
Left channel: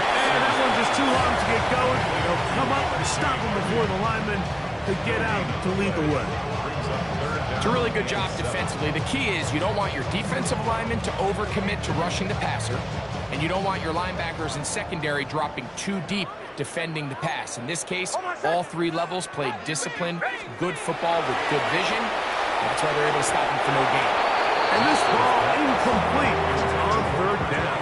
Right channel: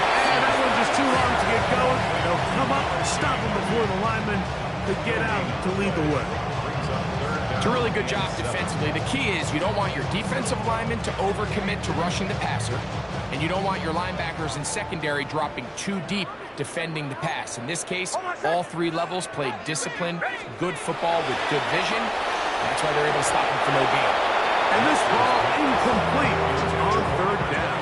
And that one's just too long to get going. They'll come up and stop him before the lineman could get out to lead the way. It's a really good job defensively. The key is you don't want your defensive linemen to overcommit to rushing the passer, and you don't want your linebackers in secondary dropping too deep defending the pass. In this case, all 3 levels played disciplined, good football with good vision. That's why they're able to stop him for no gain. And this ball incomplete. It's on 3rd down.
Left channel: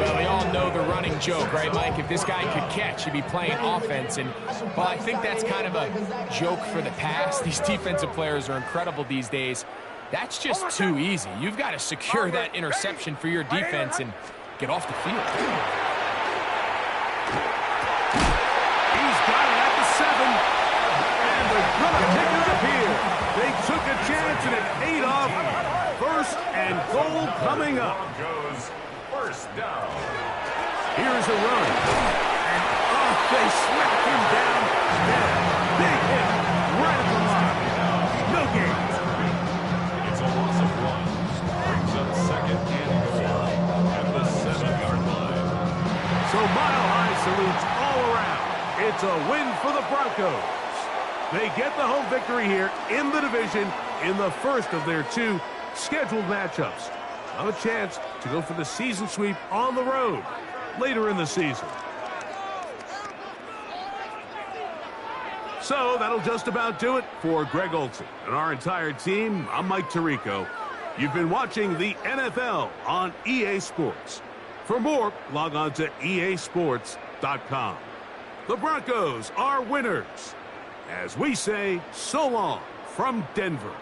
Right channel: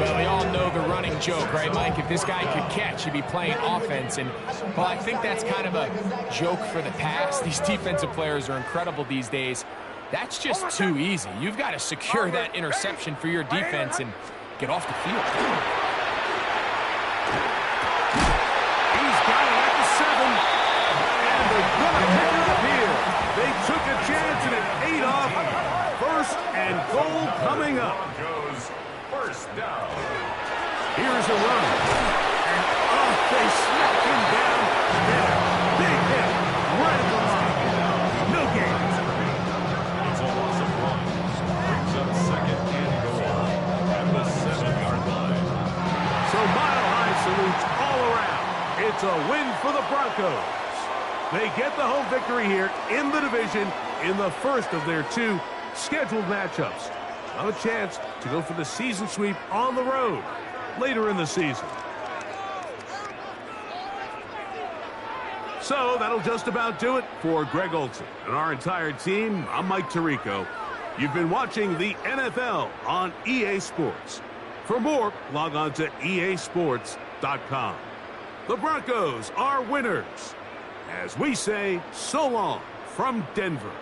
Well, we all know the running joke, right, Mike? If this guy could catch, he'd be playing offense. And, well, I think that's kind of a joke for the past. These defensive players are incredible these days. That's just too easy. You've got to secure that interception for your defense and get off the field. He's got it at the 7. And they're going to pick it up here. They took a chance and it paid off. 1st and goal coming up. First down. Here's a run. And they smack him down there. Big hit right at the line. No gain. It's a loss of 1. Brings up 2nd and goal at the 7-yard line. So Mile High salutes all around. It's a win for the Broncos. They get the home victory here in the division in the first of their 2 scheduled matchups. Have a chance to go for the season sweep on the road later in the season. So that'll just about do it for Greg Olson and our entire team. I'm Mike Tirico. You've been watching the NFL on EA Sports. For more, log on to easports.com. The Broncos are winners. As we say, so long from Denver.